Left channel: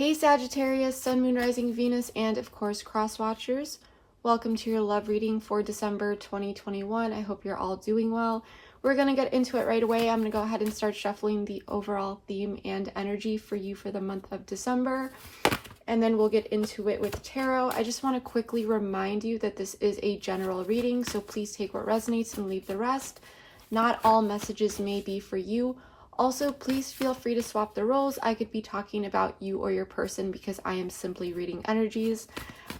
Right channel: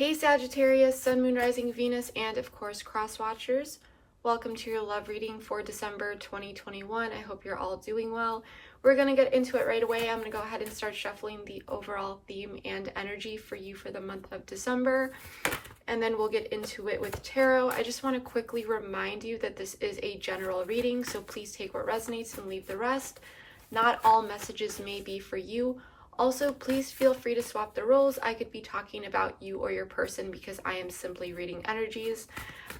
Hey Sagittarius, Sun, Moon, Rising, Venus, and of course cross watchers. Welcome to your love reading for December 2021. I hope you're all doing well. We're going to get into it right away. I'm going to go ahead and start shuffling the overall theme and energy for you for the month of December. And then we'll get into it with tarot. I just want to quickly remind you that this is a general reading, so please take what resonates and leave the rest. Not all messages may be for you. Also, please feel free to swap the roles. I could be talking about you or your person because I am simply reading energies.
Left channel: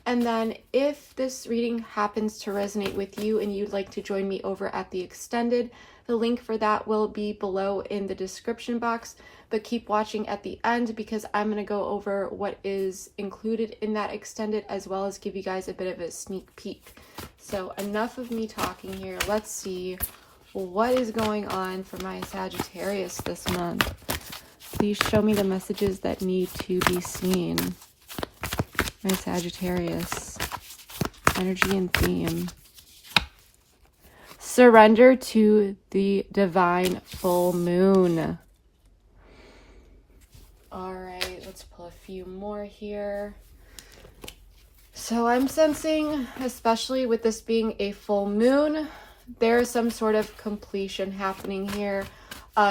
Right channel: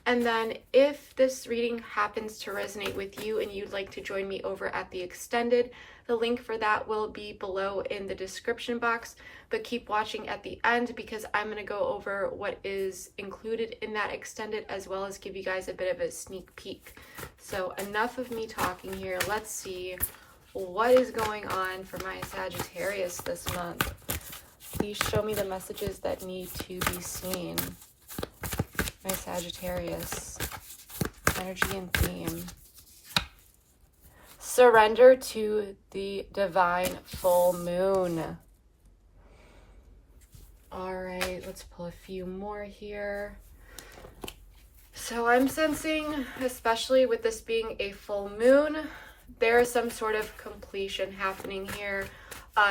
And then if this reading happens to resonate with you and you'd like to join me over at the extended, the link for that will be below in the description box. But keep watching at the end because I'm going to go over what is included in that extended as well as give you guys a bit of a sneak peek. So enough of me talking here. Let's see what is going on for my Sagittarius this month. Please show me the messages that need to be seen. My Sagittarius. Energy and theme. Surrender to the divine full moon. Alright, let's pull a few more here. So I'm sensing, especially with this being a full moon, there's some sort of completion happening here.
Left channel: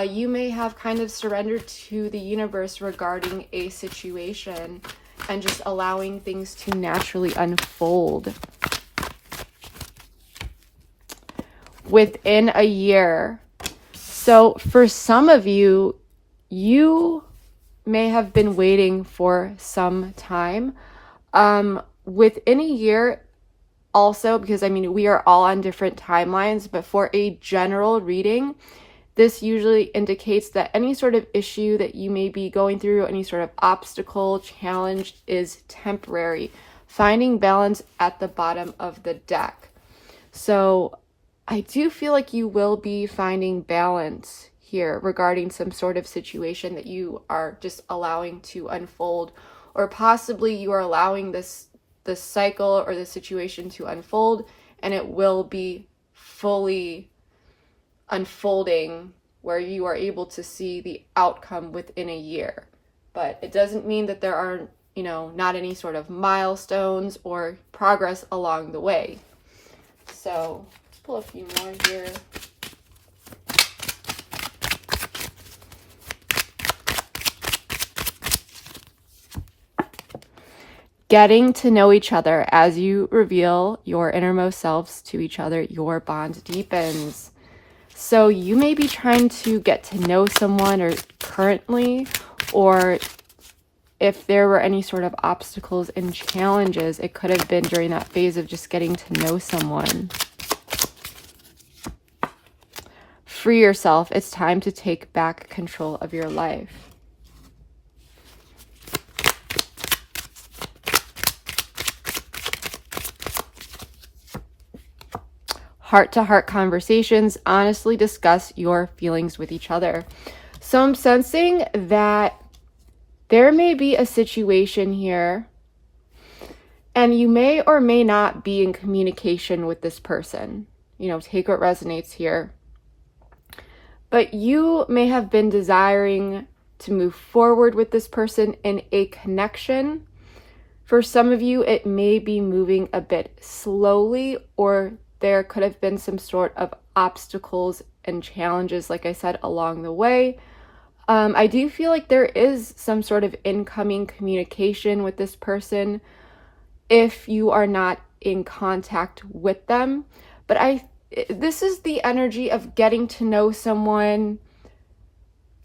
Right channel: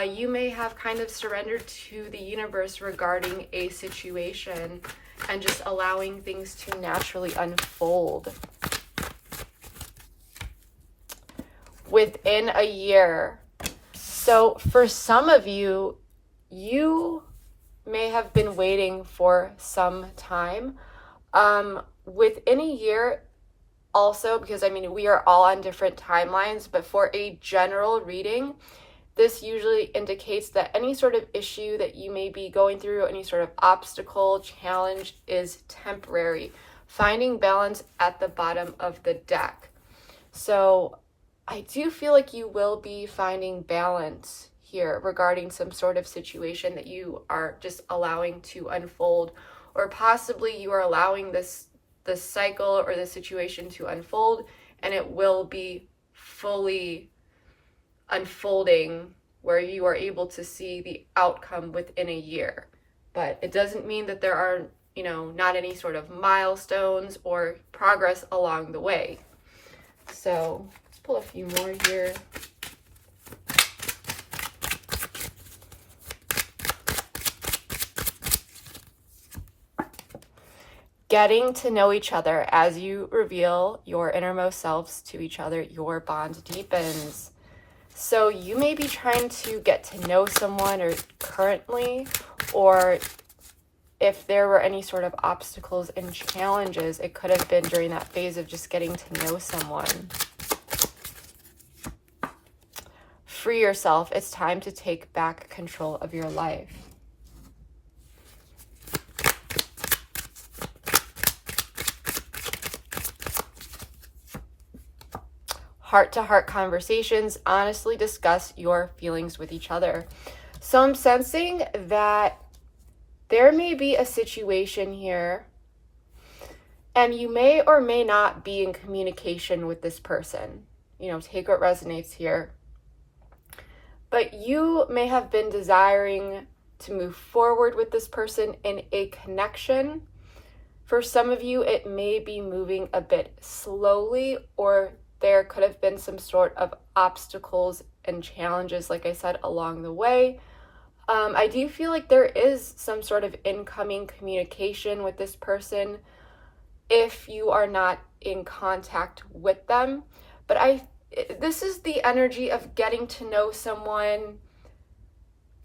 You may have kind of surrendered to the universe regarding a situation and just allowing things to naturally unfold. Within a year. So for some of you, you may have been waiting for some time. Within a year, also, because I mean, we are all on different timelines, but for a general reading, this usually indicates that any sort of issue that you may be going through, any sort of obstacle, challenge is temporary. Finding balance at the bottom of the deck. So I do feel like you will be finding balance here regarding some sort of situation that you are just allowing to unfold, or possibly you are allowing this cycle or the situation to unfold, and it will be fully unfolding where you are able to see the outcome within a year. But it doesn't mean that there are, not any sort of milestones or progress along the way. So let's pull a few more here. Getting to know each other. As you reveal your innermost selves to each other, your bond deepens. So you may be trying to get to know someone or currently, or if there were any sort of obstacles and challenges, it could have been during that phase of just getting to know someone. Free yourself. It's time to take back control of your life. Heart-to-heart conversations. Honestly discuss your feelings with each other. So I'm sensing that there may be a situation here and you may or may not be in communication with this person. Take what resonates here. But you may have been desiring to move forward with this person in a connection. For some of you, it may be moving a bit slowly, or there could have been some sort of obstacles and challenges, like I said, along the way. I do feel like there is some sort of incoming communication with this person if you are not in contact with them. But this is the energy of getting to know someone,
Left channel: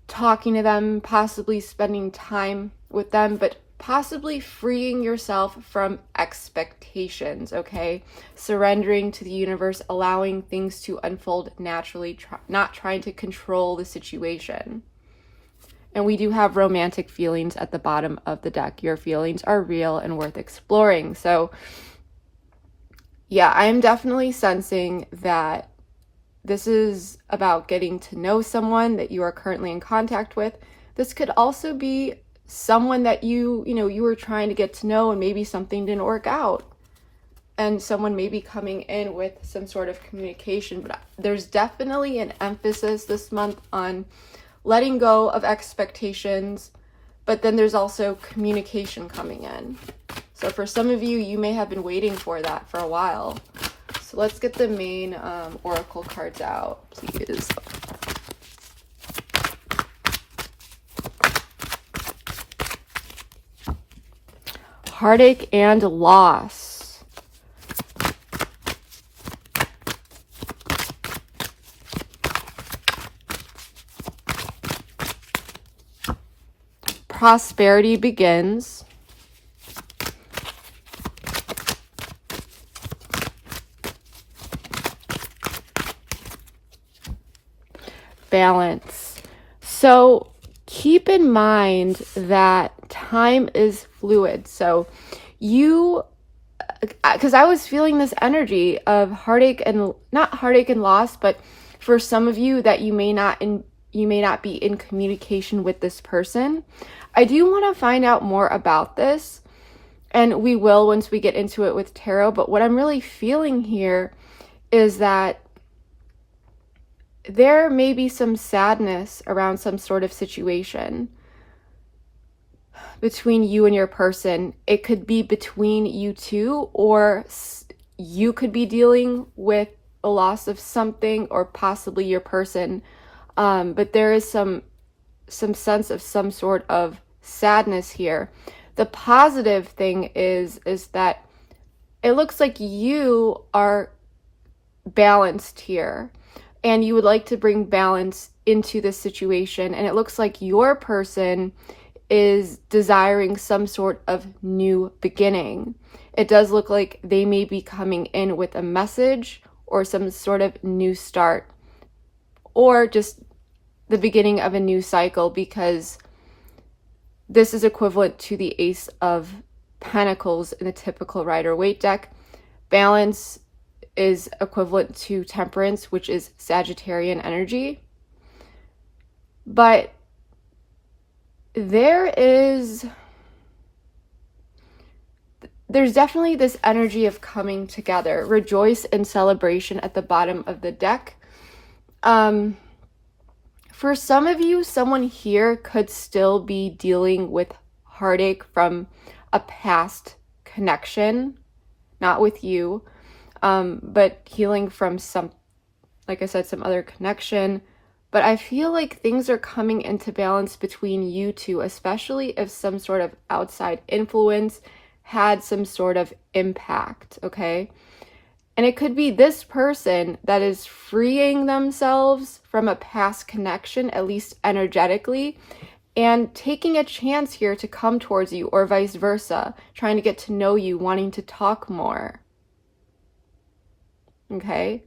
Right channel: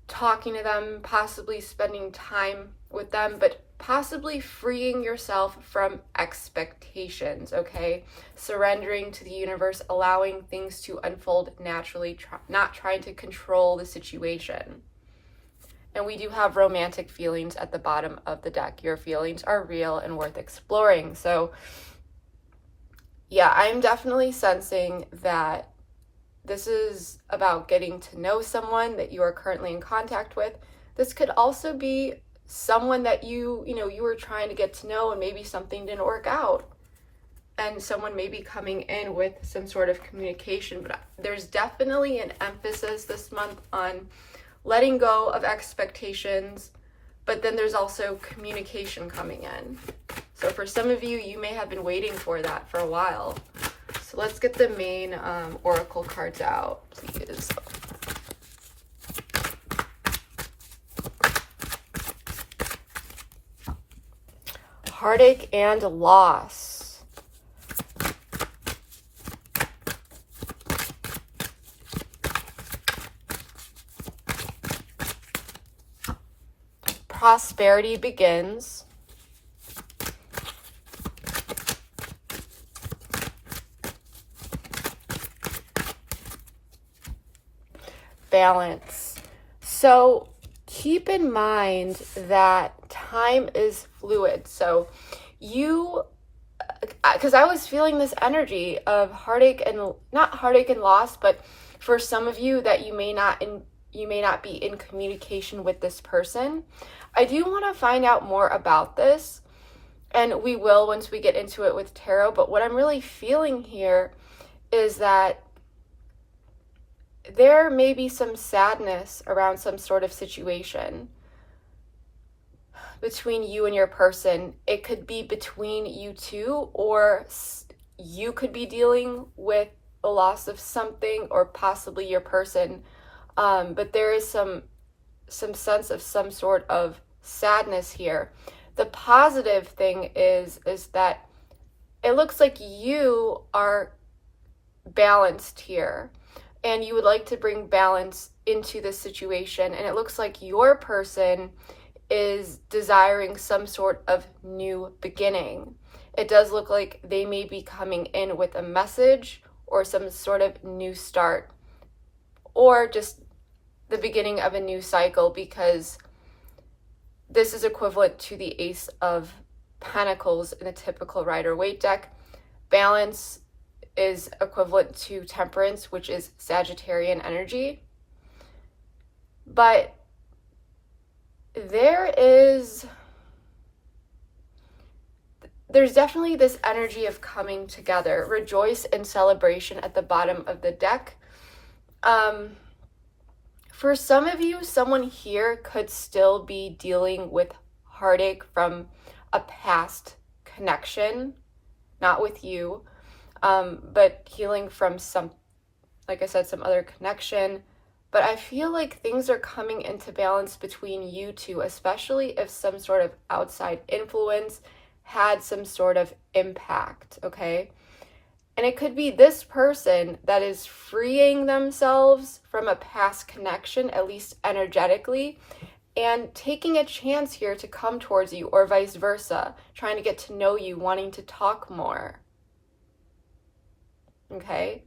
talking to them, possibly spending time with them, but possibly freeing yourself from expectations, okay? Surrendering to the universe, allowing things to unfold naturally, not trying to control the situation. And we do have romantic feelings at the bottom of the deck. Your feelings are real and worth exploring. So yeah, I'm definitely sensing that this is about getting to know someone that you are currently in contact with. This could also be someone that you were trying to get to know, and maybe something didn't work out, and someone may be coming in with some sort of communication. But there's definitely an emphasis this month on letting go of expectations, but then there's also communication coming in. So for some of you, you may have been waiting for that for a while. So let's get the main oracle cards out, please. Heartache and loss. Prosperity begins. Balance. So keep in mind that time is fluid. So you, because I was feeling this energy of heartache and not heartache and loss, but for some of you that you may not be in communication with this person. I do want to find out more about this, and we will once we get into it with tarot. But what I'm really feeling here is that there may be some sadness around some sort of situation between you and your person. It could be between you two, or you could be dealing with the loss of something, or possibly your person. But there is some sense of some sort of sadness here. The positive thing is that it looks like you are balanced here, and you would like to bring balance into this situation. And it looks like your person is desiring some sort of new beginning. It does look like they may be coming in with a message or some sort of new start, or just the beginning of a new cycle, because this is equivalent to the Ace of Pentacles in the typical Rider-Waite deck. Balance is equivalent to Temperance, which is Sagittarian energy. But there's definitely this energy of coming together. Rejoice and celebration at the bottom of the deck. For some of you, someone here could still be dealing with heartache from a past connection, not with you, but healing from some, like I said, some other connection. But I feel like things are coming into balance between you two, especially if some sort of outside influence had some sort of impact, okay? And it could be this person that is freeing themselves from a past connection, at least energetically, and taking a chance here to come towards you, or vice versa, trying to get to know you, wanting to talk more. Okay?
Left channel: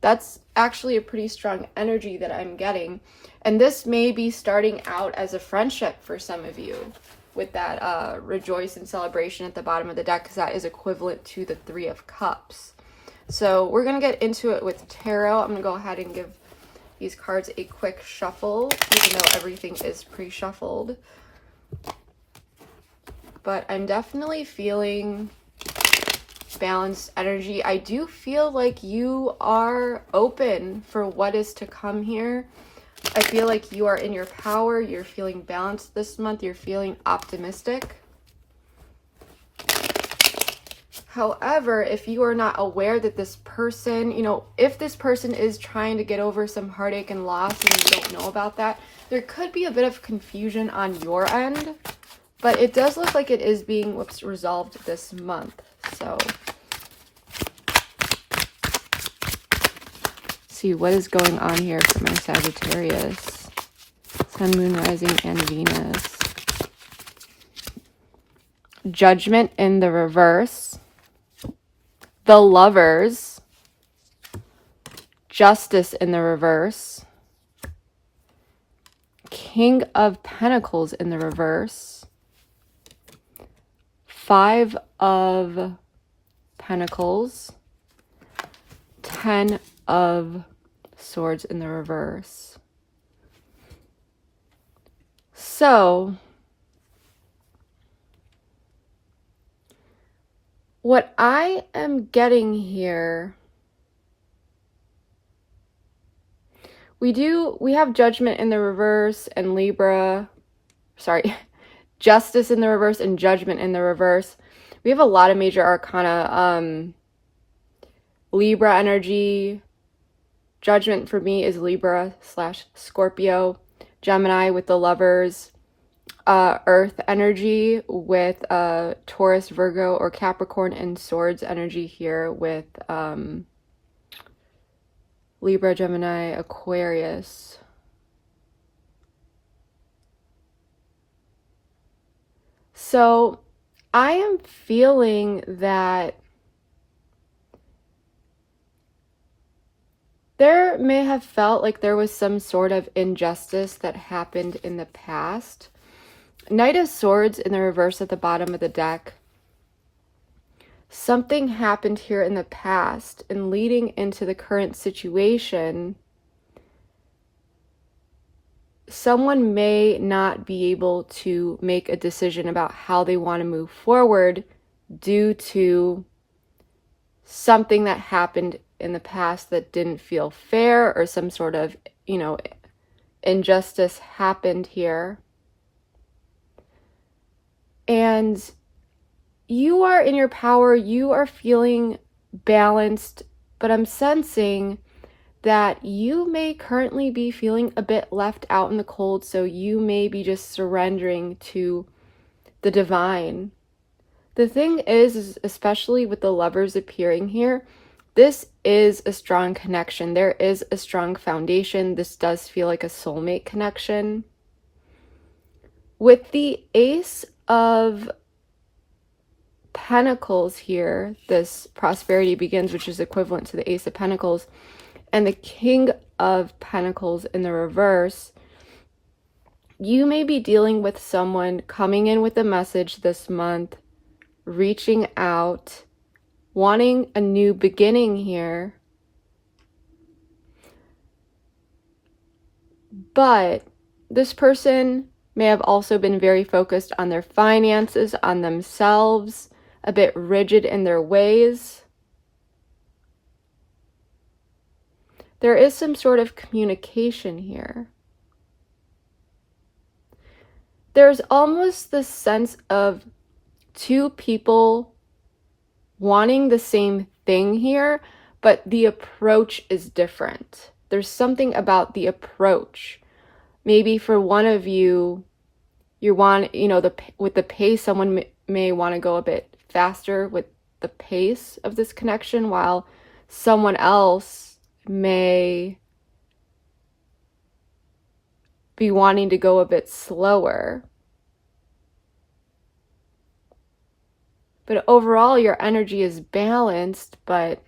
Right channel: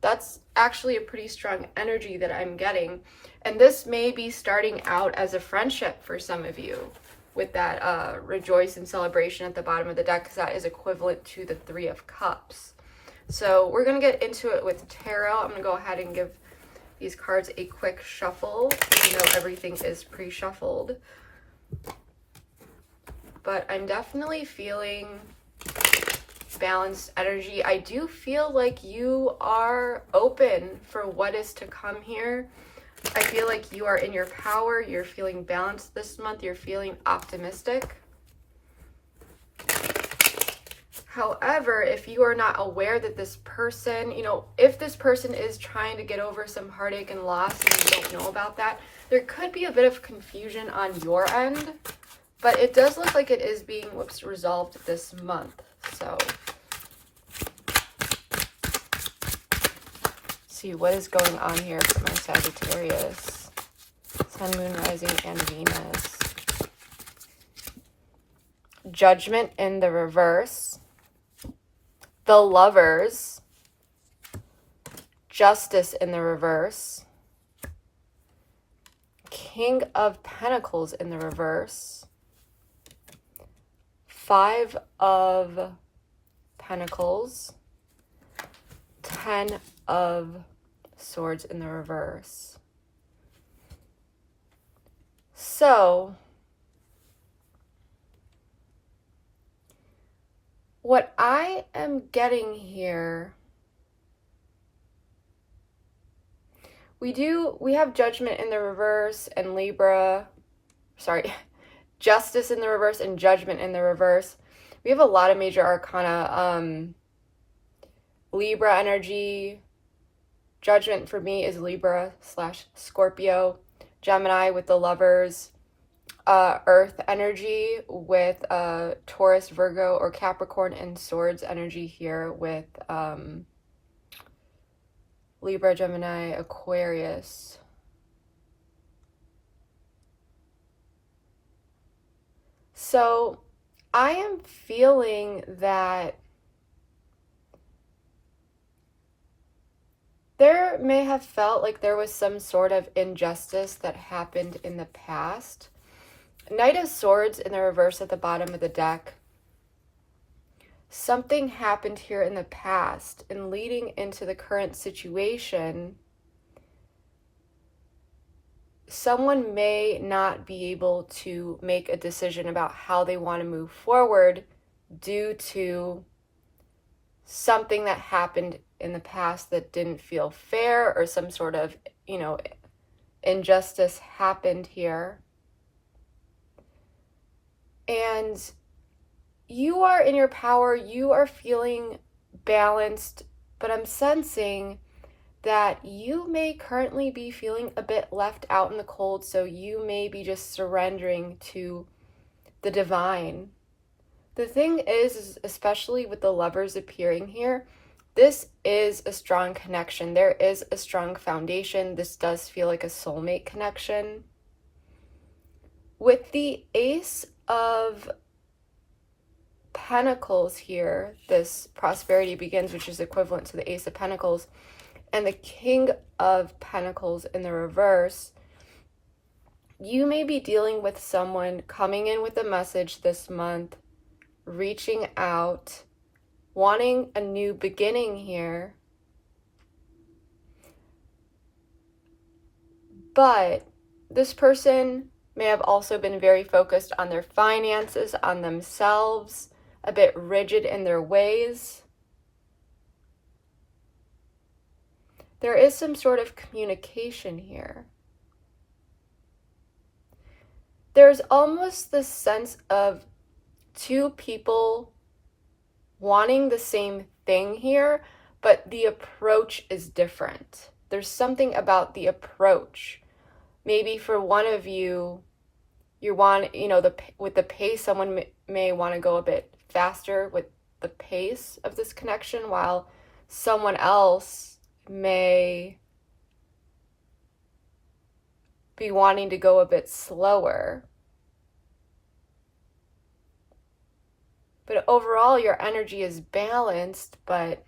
That's actually a pretty strong energy that I'm getting. And this may be starting out as a friendship for some of you, with that rejoice and celebration at the bottom of the deck, because that is equivalent to the Three of Cups. So we're going to get into it with tarot. I'm going to go ahead and give these cards a quick shuffle, even though everything is pre-shuffled. But I'm definitely feeling balanced energy. I do feel like you are open for what is to come here. I feel like you are in your power. You're feeling balanced this month. You're feeling optimistic. However, if you are not aware that this person, if this person is trying to get over some heartache and loss and you don't know about that, there could be a bit of confusion on your end. But it does look like it is being resolved this month. So see what is going on here for my Sagittarius, Sun, Moon, Rising, and Venus. Judgment in the reverse, the Lovers, Justice in the reverse, King of Pentacles in the reverse, Five of Pentacles, Ten of Swords in the reverse. So what I am getting here, we have Judgment in the reverse and Libra, sorry, Justice in the reverse and Judgment in the reverse. We have a lot of major arcana. Libra energy. Judgment for me is Libra / Scorpio. Gemini with the Lovers. Earth energy with Taurus, Virgo, or Capricorn, and Swords energy here with Libra, Gemini, Aquarius. So I am feeling that there may have felt like there was some sort of injustice that happened in the past. Knight of Swords in the reverse at the bottom of the deck. Something happened here in the past, and leading into the current situation, someone may not be able to make a decision about how they want to move forward due to something that happened in the past that didn't feel fair, or some sort of, injustice happened here. And you are in your power, you are feeling balanced, but I'm sensing that you may currently be feeling a bit left out in the cold, so you may be just surrendering to the divine. The thing is, especially with the Lovers appearing here, this is a strong connection. There is a strong foundation. This does feel like a soulmate connection. With the Ace of Pentacles here, this prosperity begins, which is equivalent to the Ace of Pentacles, and the King of Pentacles in the reverse, you may be dealing with someone coming in with a message this month, reaching out, wanting a new beginning here. But this person may have also been very focused on their finances, on themselves, a bit rigid in their ways. There is some sort of communication here. There's almost this sense of two people wanting the same thing here, but the approach is different. There's something about the approach. Maybe for one of you, with the pace, someone may want to go a bit faster with the pace of this connection, while someone else may be wanting to go a bit slower. But overall, your energy is balanced, but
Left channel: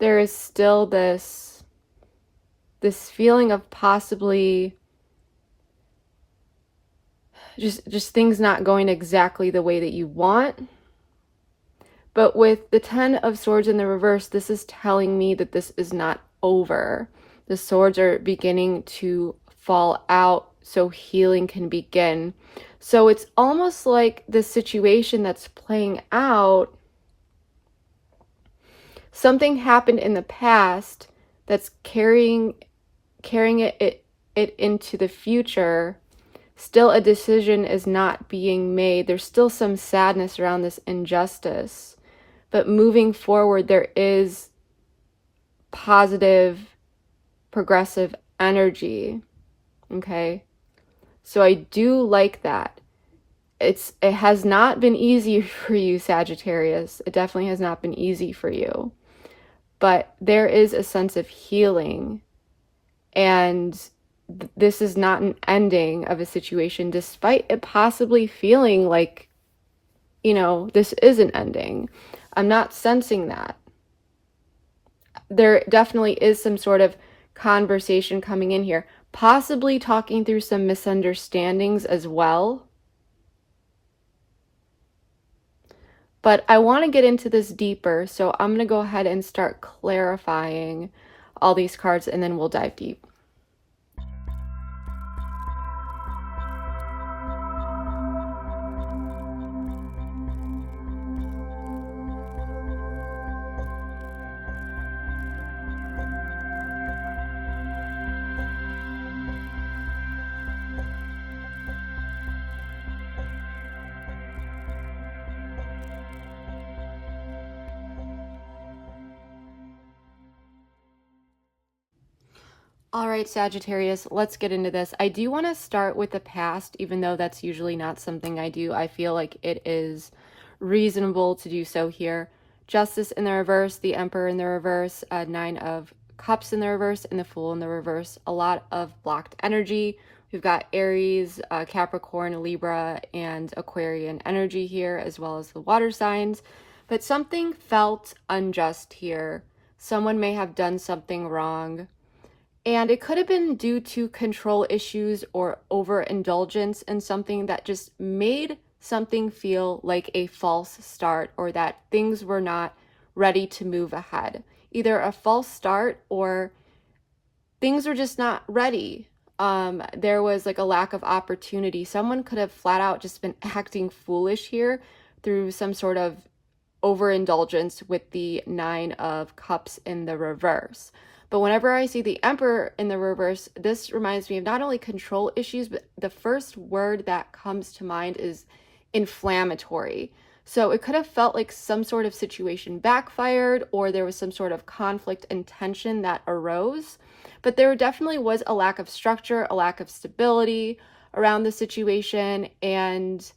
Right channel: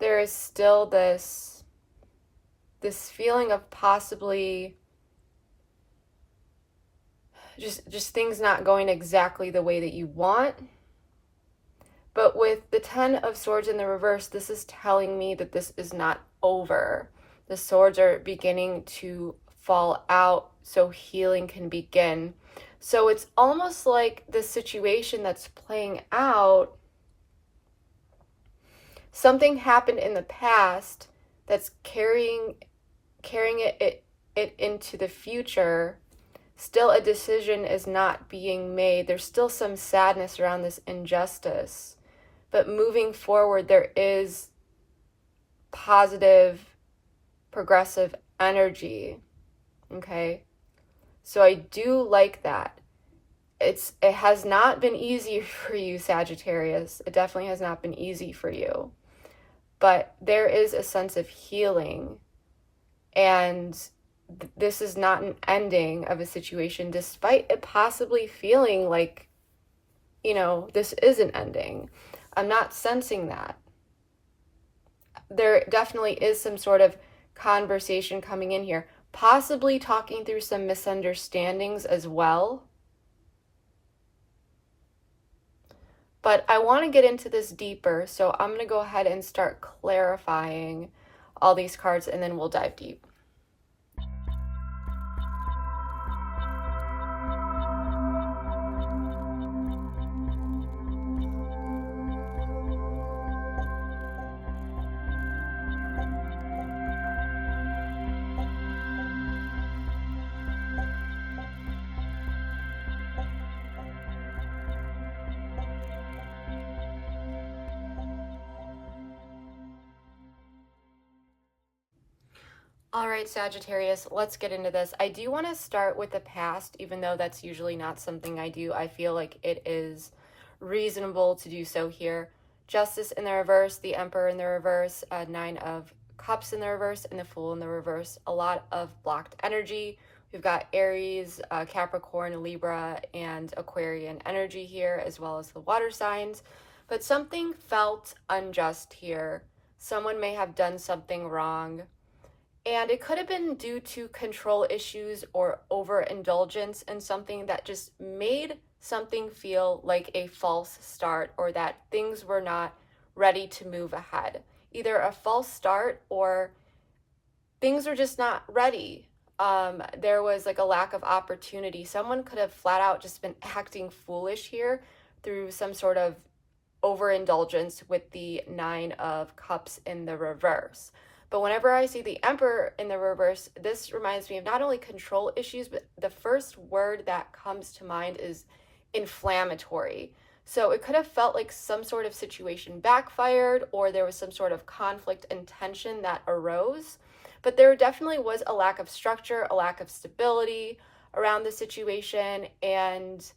there is still this feeling of possibly just things not going exactly the way that you want. But with the Ten of Swords in the reverse, this is telling me that this is not over. The swords are beginning to fall out so healing can begin. So it's almost like the situation that's playing out, something happened in the past that's carrying it into the future. Still, a decision is not being made. There's still some sadness around this injustice. But moving forward, there is positive, progressive energy. Okay? So I do like that. It has not been easy for you, Sagittarius. It definitely has not been easy for you. But there is a sense of healing. And this is not an ending of a situation, despite it possibly feeling like, this is an ending. I'm not sensing that. There definitely is some sort of conversation coming in here, possibly talking through some misunderstandings as well. But I want to get into this deeper, so I'm going to go ahead and start clarifying all these cards, and then we'll dive deep. All right, Sagittarius, let's get into this. I do want to start with the past, even though that's usually not something I do. I feel like it is reasonable to do so here. Justice in the reverse, the Emperor in the reverse, Nine of Cups in the reverse, and the Fool in the reverse. A lot of blocked energy. We've got Aries, Capricorn, Libra, and Aquarian energy here, as well as the water signs. But something felt unjust here. Someone may have done something wrong. And it could have been due to control issues or overindulgence in something that just made something feel like a false start, or that things were not ready to move ahead. Either a false start or things were just not ready. There was like a lack of opportunity. Someone could have flat out just been acting foolish here through some sort of overindulgence with the Nine of Cups in the reverse. But whenever I see the Emperor in the reverse, this reminds me of not only control issues, but the first word that comes to mind is inflammatory. So it could have felt like some sort of situation backfired, or there was some sort of conflict and tension that arose. But there definitely was a lack of structure, a lack of stability around the situation, and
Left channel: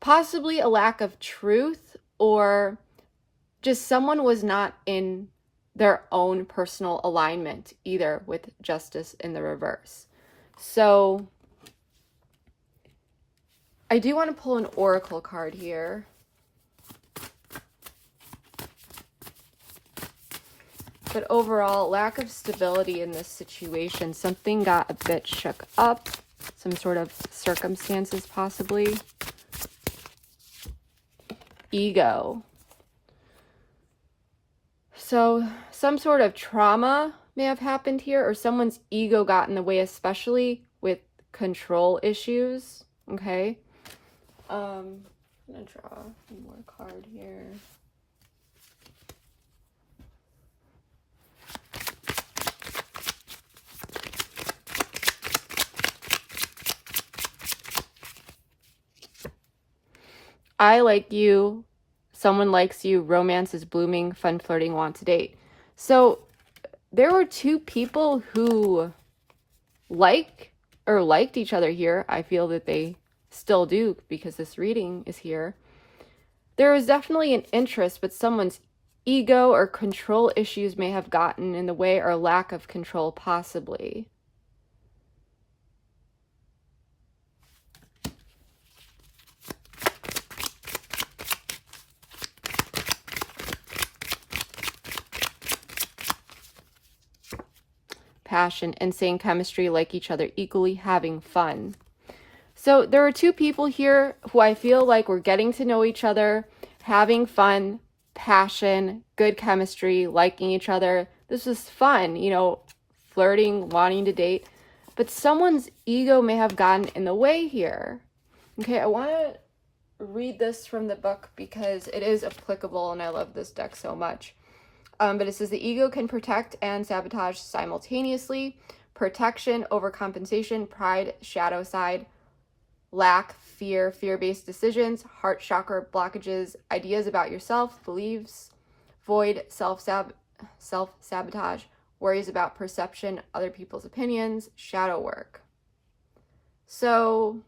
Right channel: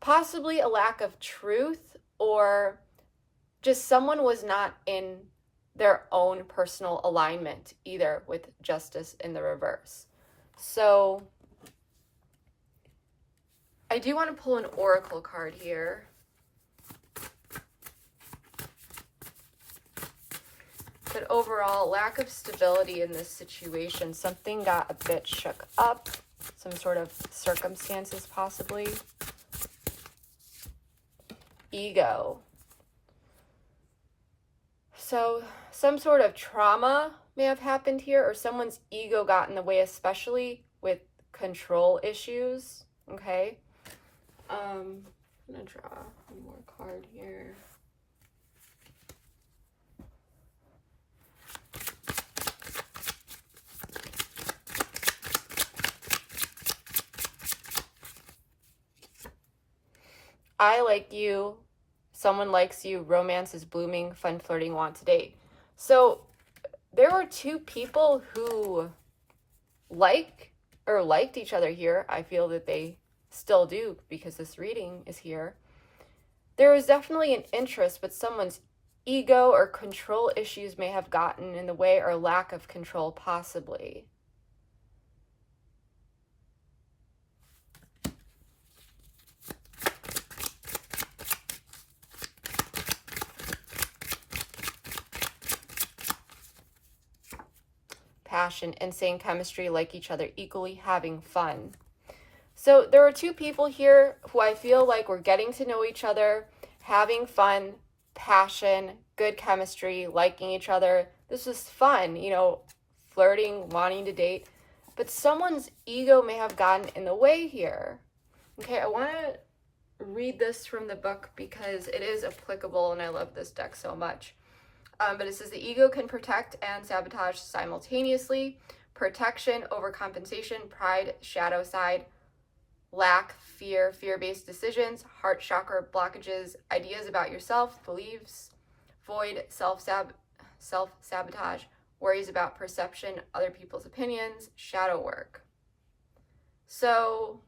possibly a lack of truth, or just someone was not in their own personal alignment either with Justice in the reverse. So I do want to pull an oracle card here. But overall, lack of stability in this situation. Something got a bit shook up. Some sort of circumstances possibly. Ego. So some sort of trauma may have happened here, or someone's ego got in the way, especially with control issues. Okay. I'm gonna draw one more card here. I like you. Someone likes you, romance is blooming, fun flirting, want to date. So there were two people who liked each other here. I feel that they still do because this reading is here. There is definitely an interest, but someone's ego or control issues may have gotten in the way, or lack of control possibly. Passion, insane chemistry, like each other equally, having fun. So there are two people here who I feel like we're getting to know each other, having fun, passion, good chemistry, liking each other. This is fun, you know, flirting, wanting to date. But someone's ego may have gotten in the way here. Okay, I want to read this from the book because it is applicable and I love this deck so much. But it says the ego can protect and sabotage simultaneously. Protection, overcompensation, pride, shadow side, lack, fear, fear-based decisions, heart chakra blockages, ideas about yourself, beliefs, void, self-sabotage, worries about perception, other people's opinions, shadow work. So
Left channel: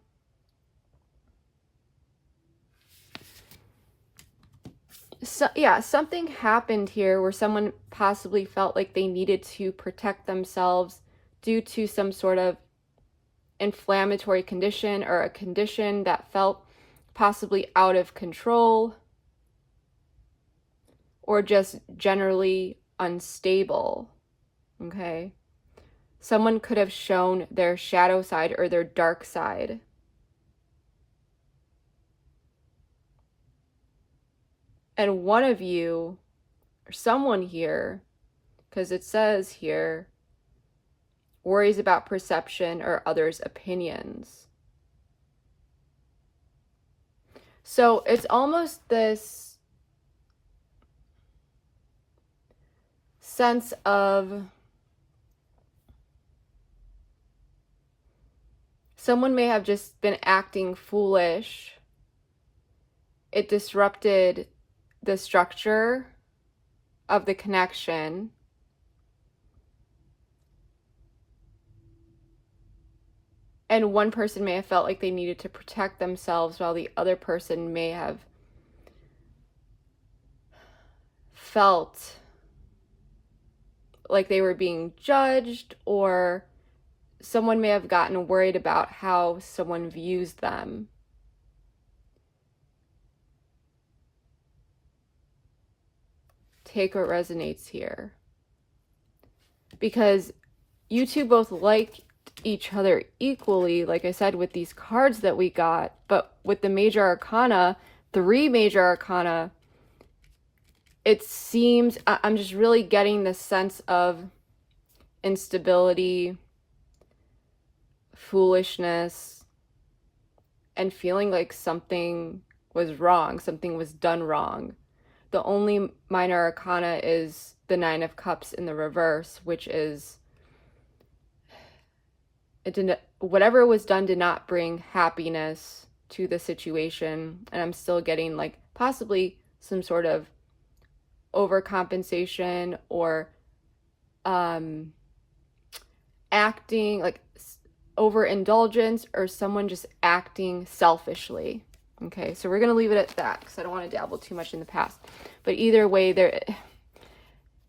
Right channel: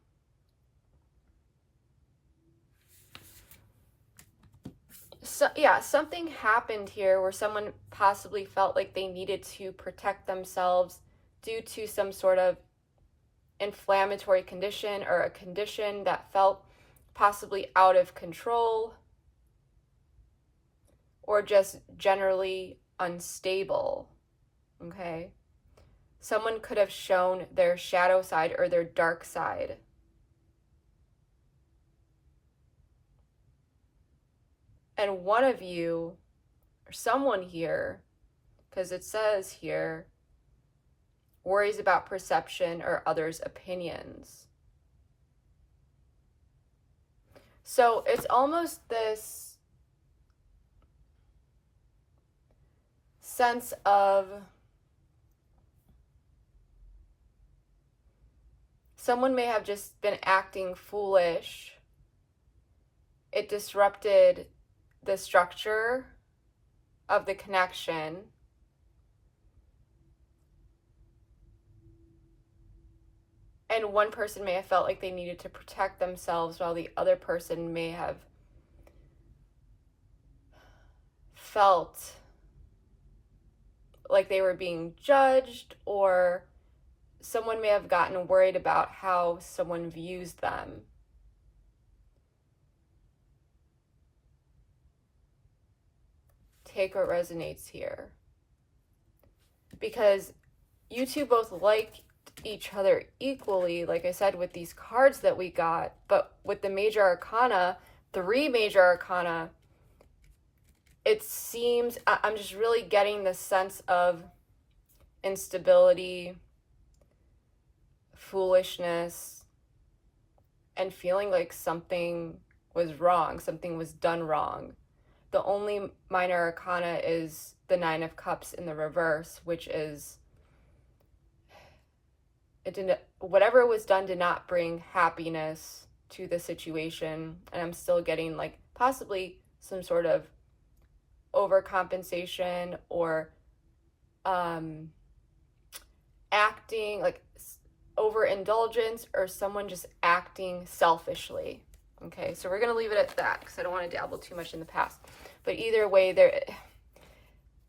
yeah, something happened here where someone possibly felt like they needed to protect themselves due to some sort of inflammatory condition, or a condition that felt possibly out of control, or just generally unstable. Okay, someone could have shown their shadow side or their dark side. And one of you, or someone here, because it says here, worries about perception or others' opinions. So it's almost this sense of someone may have just been acting foolish. It disrupted the structure of the connection, And one person may have felt like they needed to protect themselves, while the other person may have felt like they were being judged, or someone may have gotten worried about how someone views them. Take what resonates here. Because you two both like each other equally, like I said, with these cards that we got, but with the major arcana, 3 major arcana, it seems, I'm just really getting the sense of instability, foolishness, and feeling like something was wrong, something was done wrong. The only minor arcana is the 9 of Cups in the reverse, which is, whatever was done did not bring happiness to the situation. And I'm still getting like possibly some sort of overcompensation, or acting like overindulgence, or someone just acting selfishly. Okay, so we're gonna leave it at that because I don't want to dabble too much in the past. But either way,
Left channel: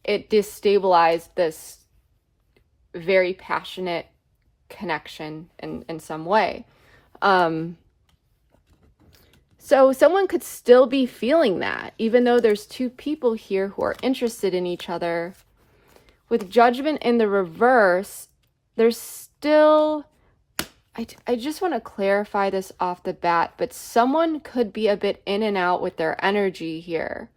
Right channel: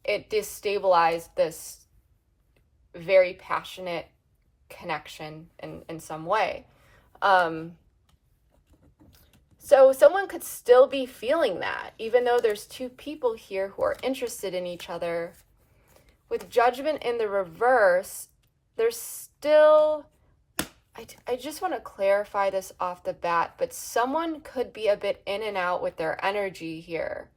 it destabilized this very passionate connection in some way. So someone could still be feeling that, even though there's 2 people here who are interested in each other. With Judgment in the reverse, there's still, I just want to clarify this off the bat, but someone could be a bit in and out with their energy here.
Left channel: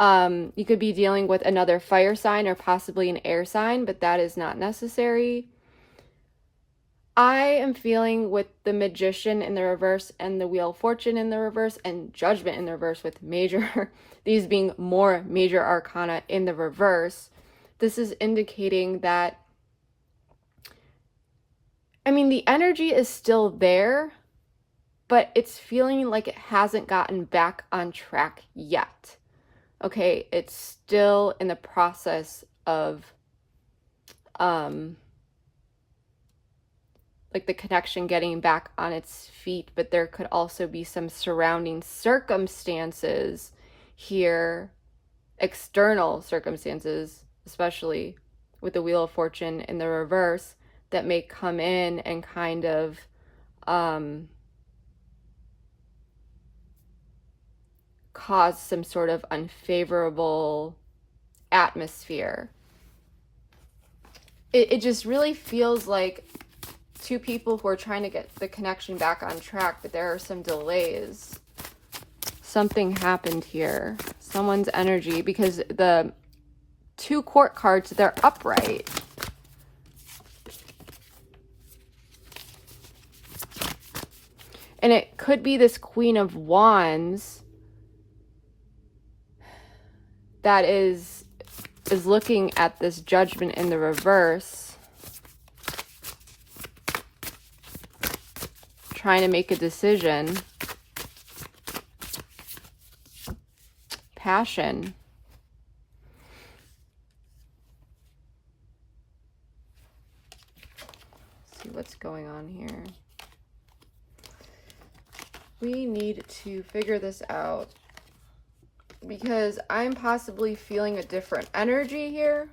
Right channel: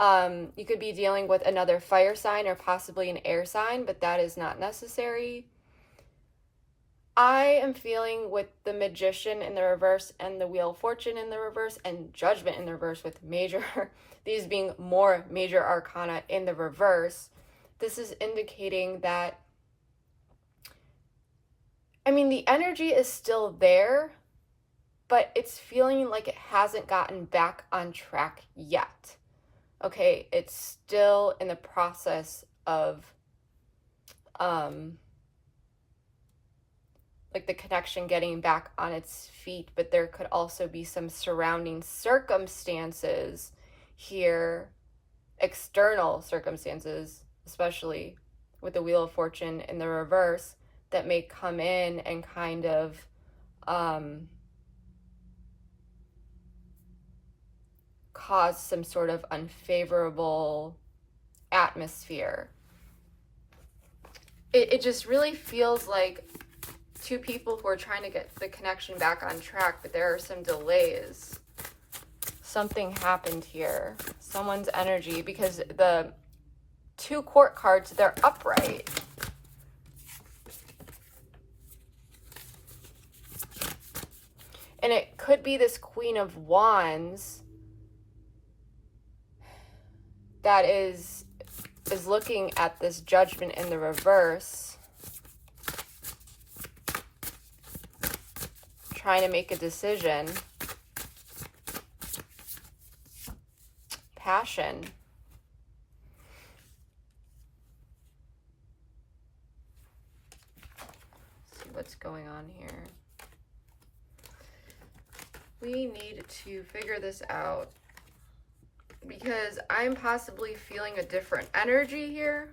You could be dealing with another fire sign or possibly an air sign, but that is not necessary. I am feeling with the Magician in the reverse and the Wheel of Fortune in the reverse and Judgment in the reverse, with these being more major arcana in the reverse. This is indicating that, I mean, the energy is still there, but it's feeling like it hasn't gotten back on track yet. Okay, it's still in the process of like the connection getting back on its feet, but there could also be some surrounding circumstances here, external circumstances, especially with the Wheel of Fortune in the reverse, that may come in and kind of cause some sort of unfavorable atmosphere. It just really feels like 2 people who are trying to get the connection back on track, but there are some delays. Something happened here. Someone's energy, because the 2 court cards, they're upright. And it could be this Queen of Wands that is looking at this Judgment in the reverse, trying to make a decision. Passion. Let's see what's going on here. We need to figure this out, because I'm possibly feeling a different energy here.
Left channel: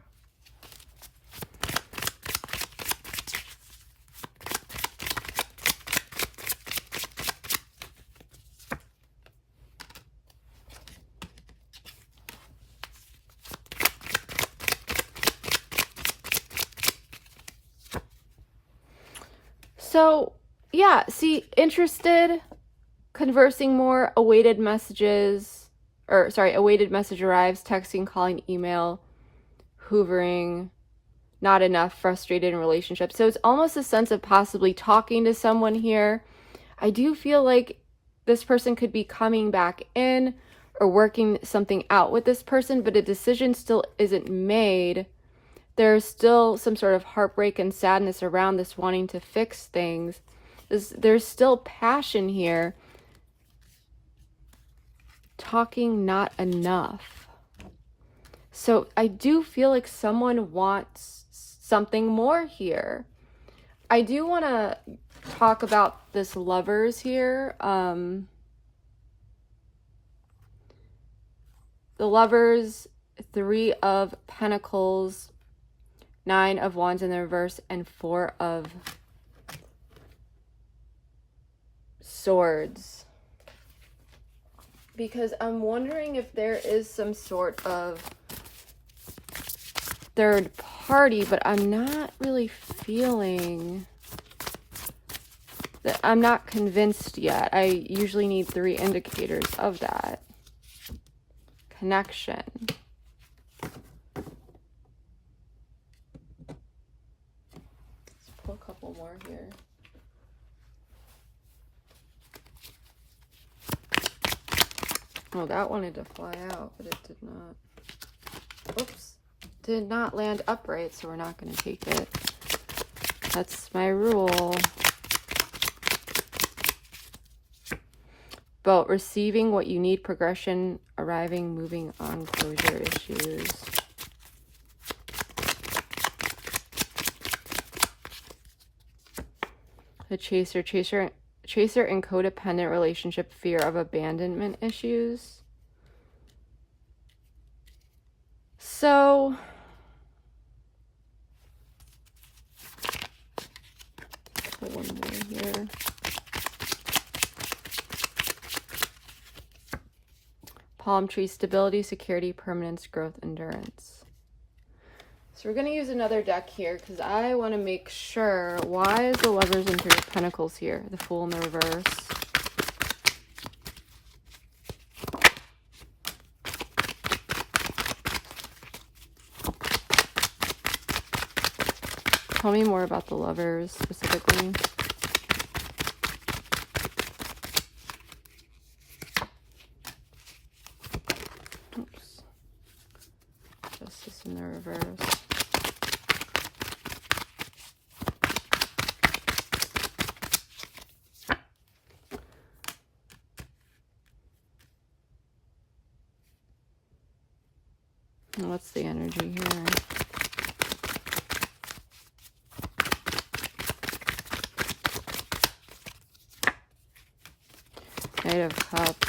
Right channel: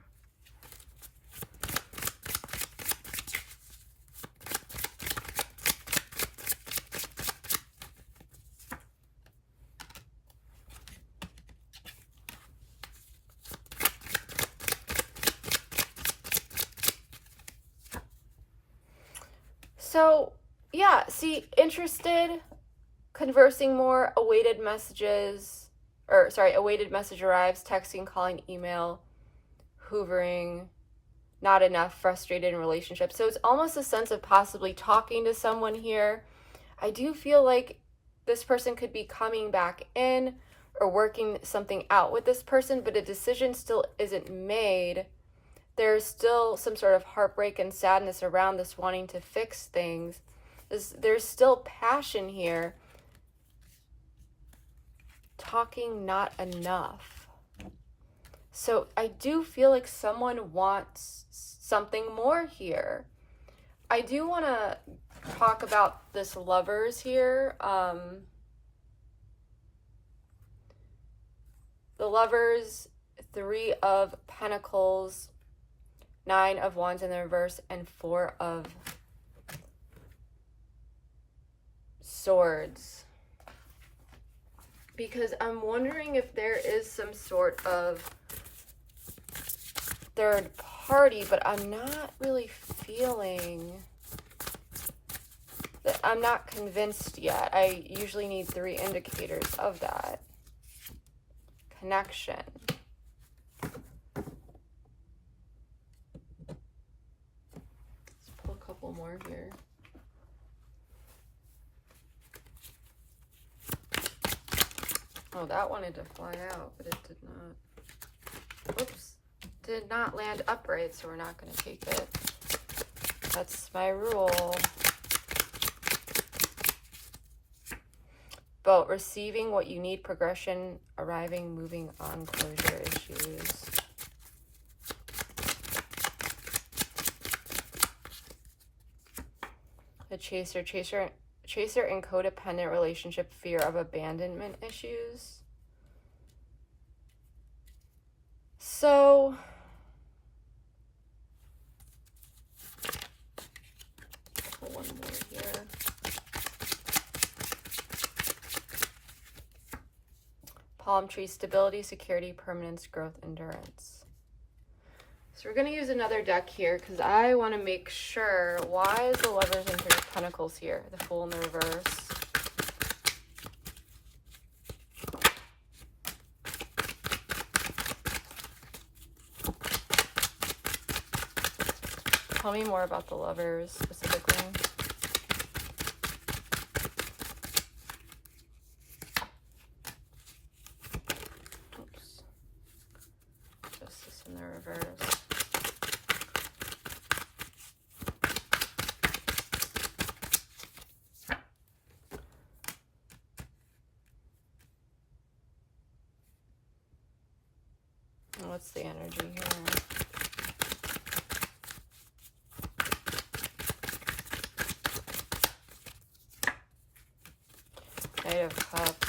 So, yeah, see, interested, conversing more, awaited messages, or sorry, awaited message arrives, texting, calling, email, hoovering, not enough, frustrated in relationships. So it's almost a sense of possibly talking to someone here. I do feel like this person could be coming back in or working something out with this person, but a decision still isn't made. There's still some sort of heartbreak and sadness around this wanting to fix things. There's still passion here. Talking not enough. So I do feel like someone wants something more here. I do want to talk about this Lovers here. The Lovers, 3 of Pentacles, 9 of Wands in the reverse, and 4 of Swords. Because I'm wondering if there is some sort of third party, but I'm not really feeling that. I'm not convinced yet. I usually need 3 indicators of that connection. Let's pull a couple more here. Oh, that wanted to fly out, but it did not. Oops. Did not land upright, so we're not going to take it. That's my rule. Boat, receiving what you need, progression, arriving, moving on, closure issues. The chaser and codependent relationship, fear of abandonment issues. So put one more here. Palm tree, stability, security, permanence, growth, endurance. So we're going to use another deck here because I want to make sure. Why is the Lovers and 3 of Pentacles here? The Fool in the reverse. Tell me more about the Lovers specifically. Oops. Justice in the reverse. And what's the energy here? Knight of Cups.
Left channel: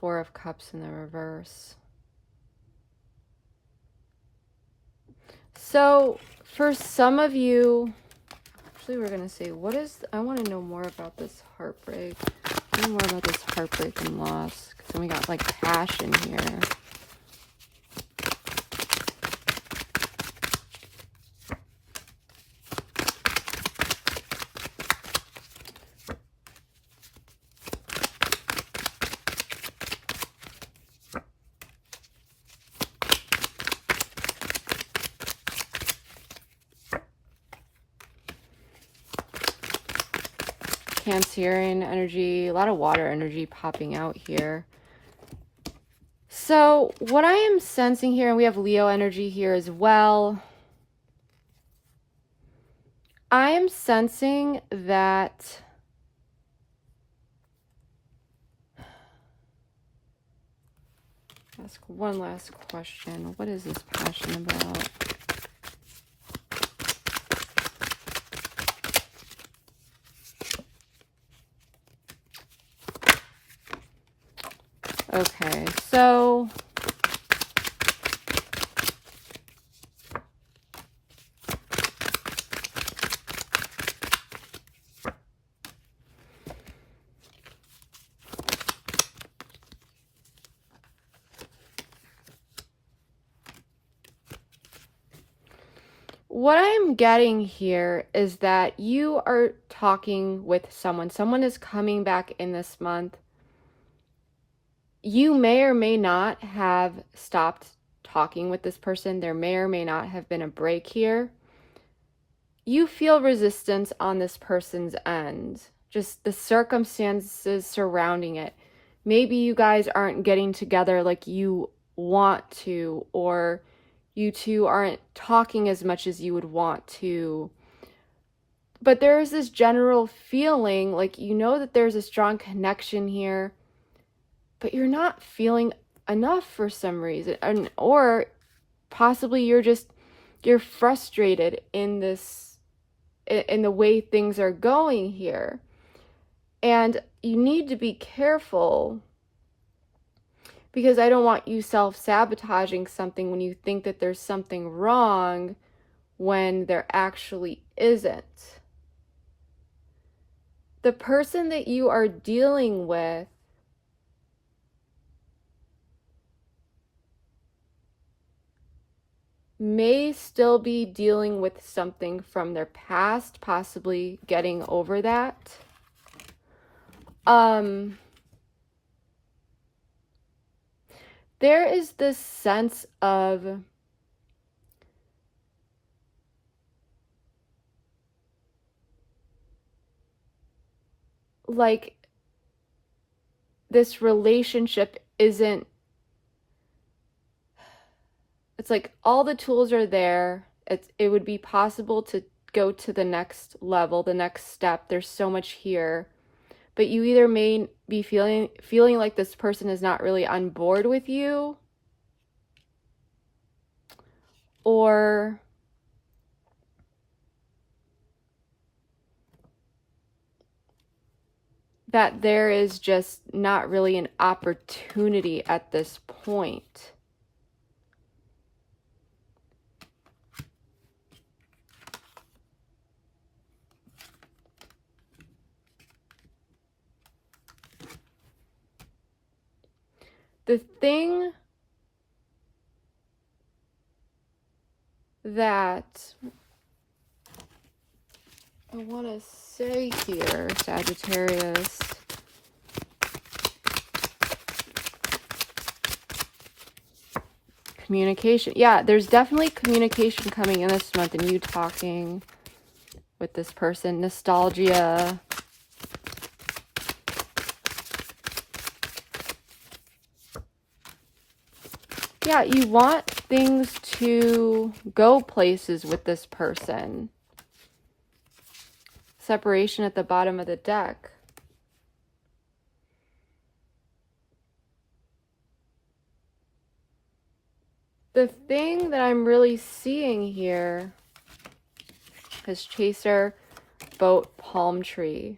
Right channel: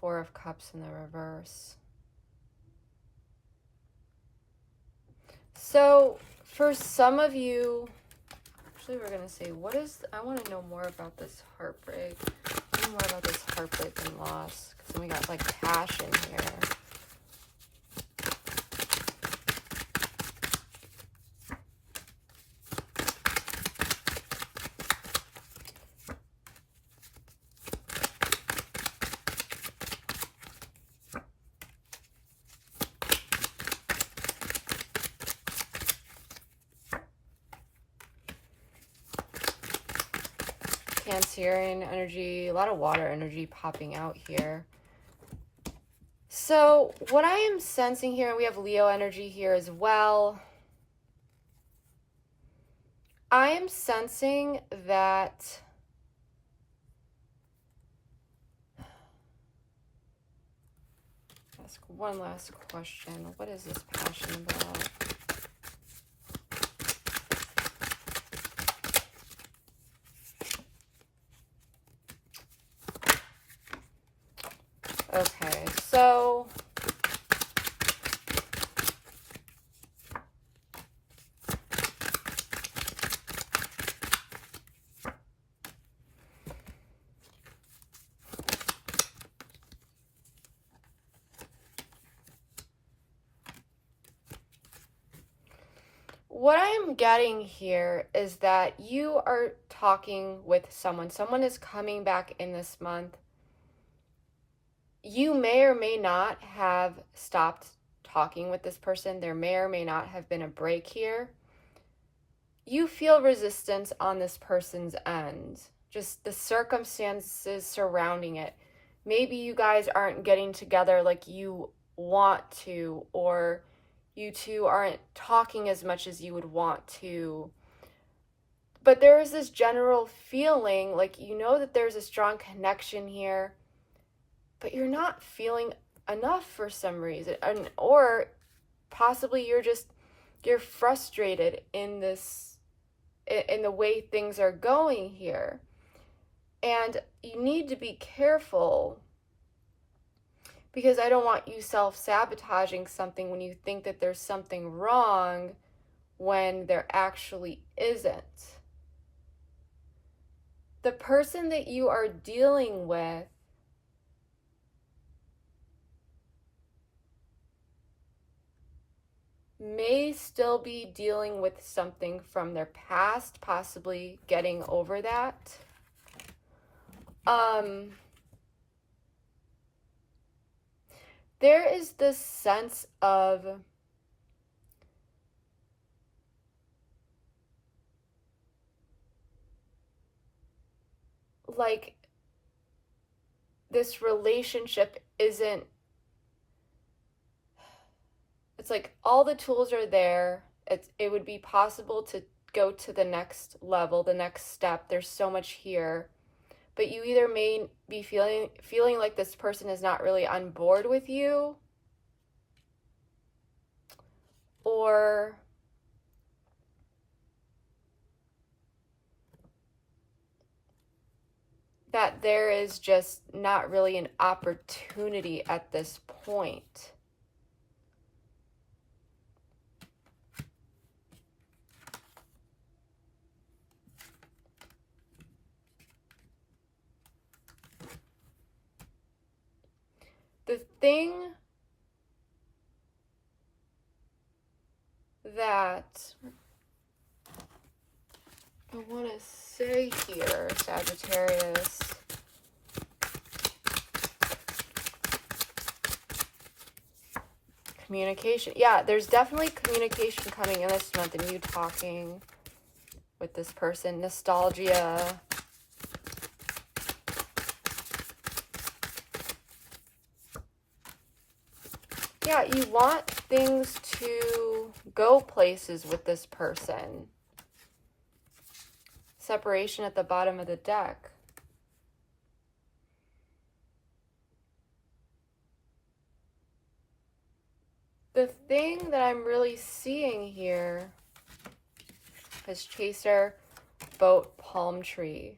Four of Cups in the reverse. So for some of you, actually we're going to say, what is, I want to know more about this heartbreak. I want to know more about this heartbreak and loss. Because then we got like passion here. Cancerian energy, a lot of water energy popping out here. So what I am sensing here, and we have Leo energy here as well. I am sensing that ask one last question. What is this passion about? Okay, so what I'm getting here is that you are talking with someone. Someone is coming back in this month. You may or may not have stopped talking with this person. There may or may not have been a break here. You feel resistance on this person's end. Just the circumstances surrounding it. Maybe you guys aren't getting together like you want to, or you two aren't talking as much as you would want to. But there is this general feeling like you know that there's a strong connection here, but you're not feeling enough for some reason, or possibly you're frustrated in the way things are going here. And you need to be careful, because I don't want you self-sabotaging something when you think that there's something wrong when there actually isn't. The person that you are dealing with may still be dealing with something from their past, possibly getting over that. There is this sense of like this relationship isn't, it's like all the tools are there. It would be possible to go to the next level, the next step. There's so much here. But you either may be feeling like this person is not really on board with you, or that there is just not really an opportunity at this point. The thing that I want to say here, Sagittarius, communication. Yeah, there's definitely communication coming in this month, and you talking with this person. Nostalgia. Yeah, you want things to go places with this person. Separation at the bottom of the deck. The thing that I'm really seeing here is Chaser, Boat, Palm Tree.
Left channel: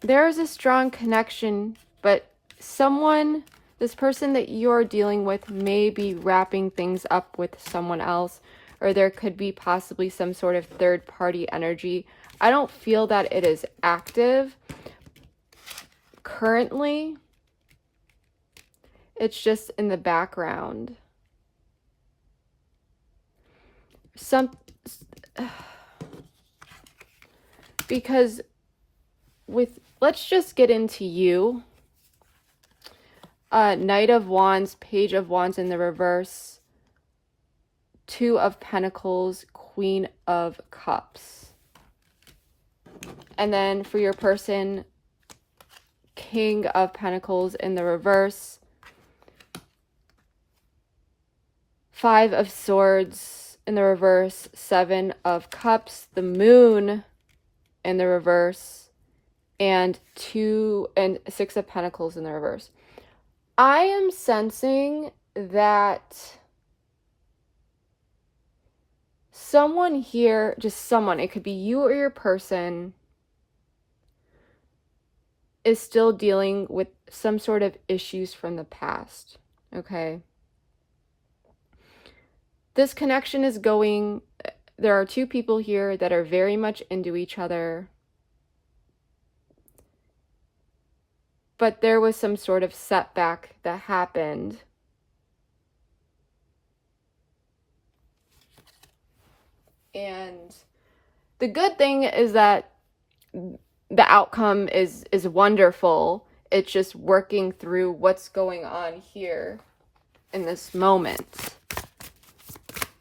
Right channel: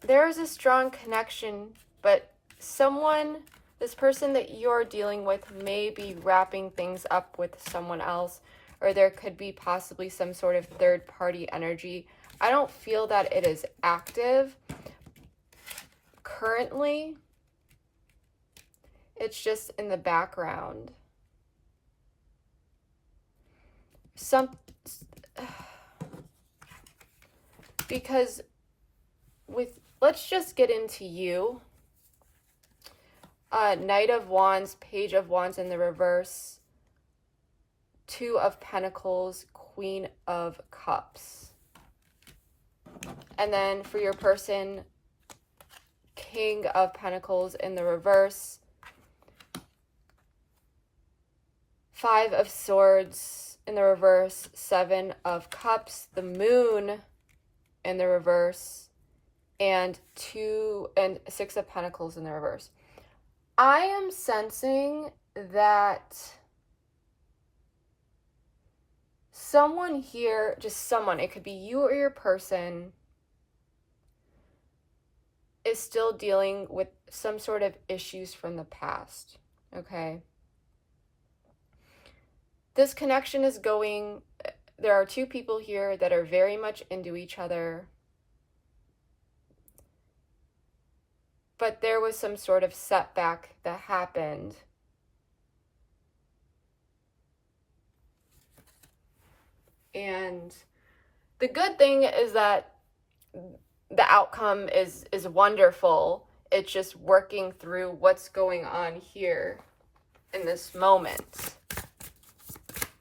There is a strong connection, but this person that you're dealing with may be wrapping things up with someone else, or there could be possibly some sort of third-party energy. I don't feel that it is active currently. It's just in the background. Because let's just get into you. Knight of Wands, Page of Wands in the reverse, Two of Pentacles, Queen of Cups. And then for your person, King of Pentacles in the reverse, Five of Swords in the reverse, Seven of Cups, the Moon in the reverse, and Six of Pentacles in the reverse. I am sensing that someone here, just someone, it could be you or your person, is still dealing with some sort of issues from the past, okay? This connection is going, there are two people here that are very much into each other, but there was some sort of setback that happened. And the good thing is that the outcome is wonderful. It's just working through what's going on here in this moment.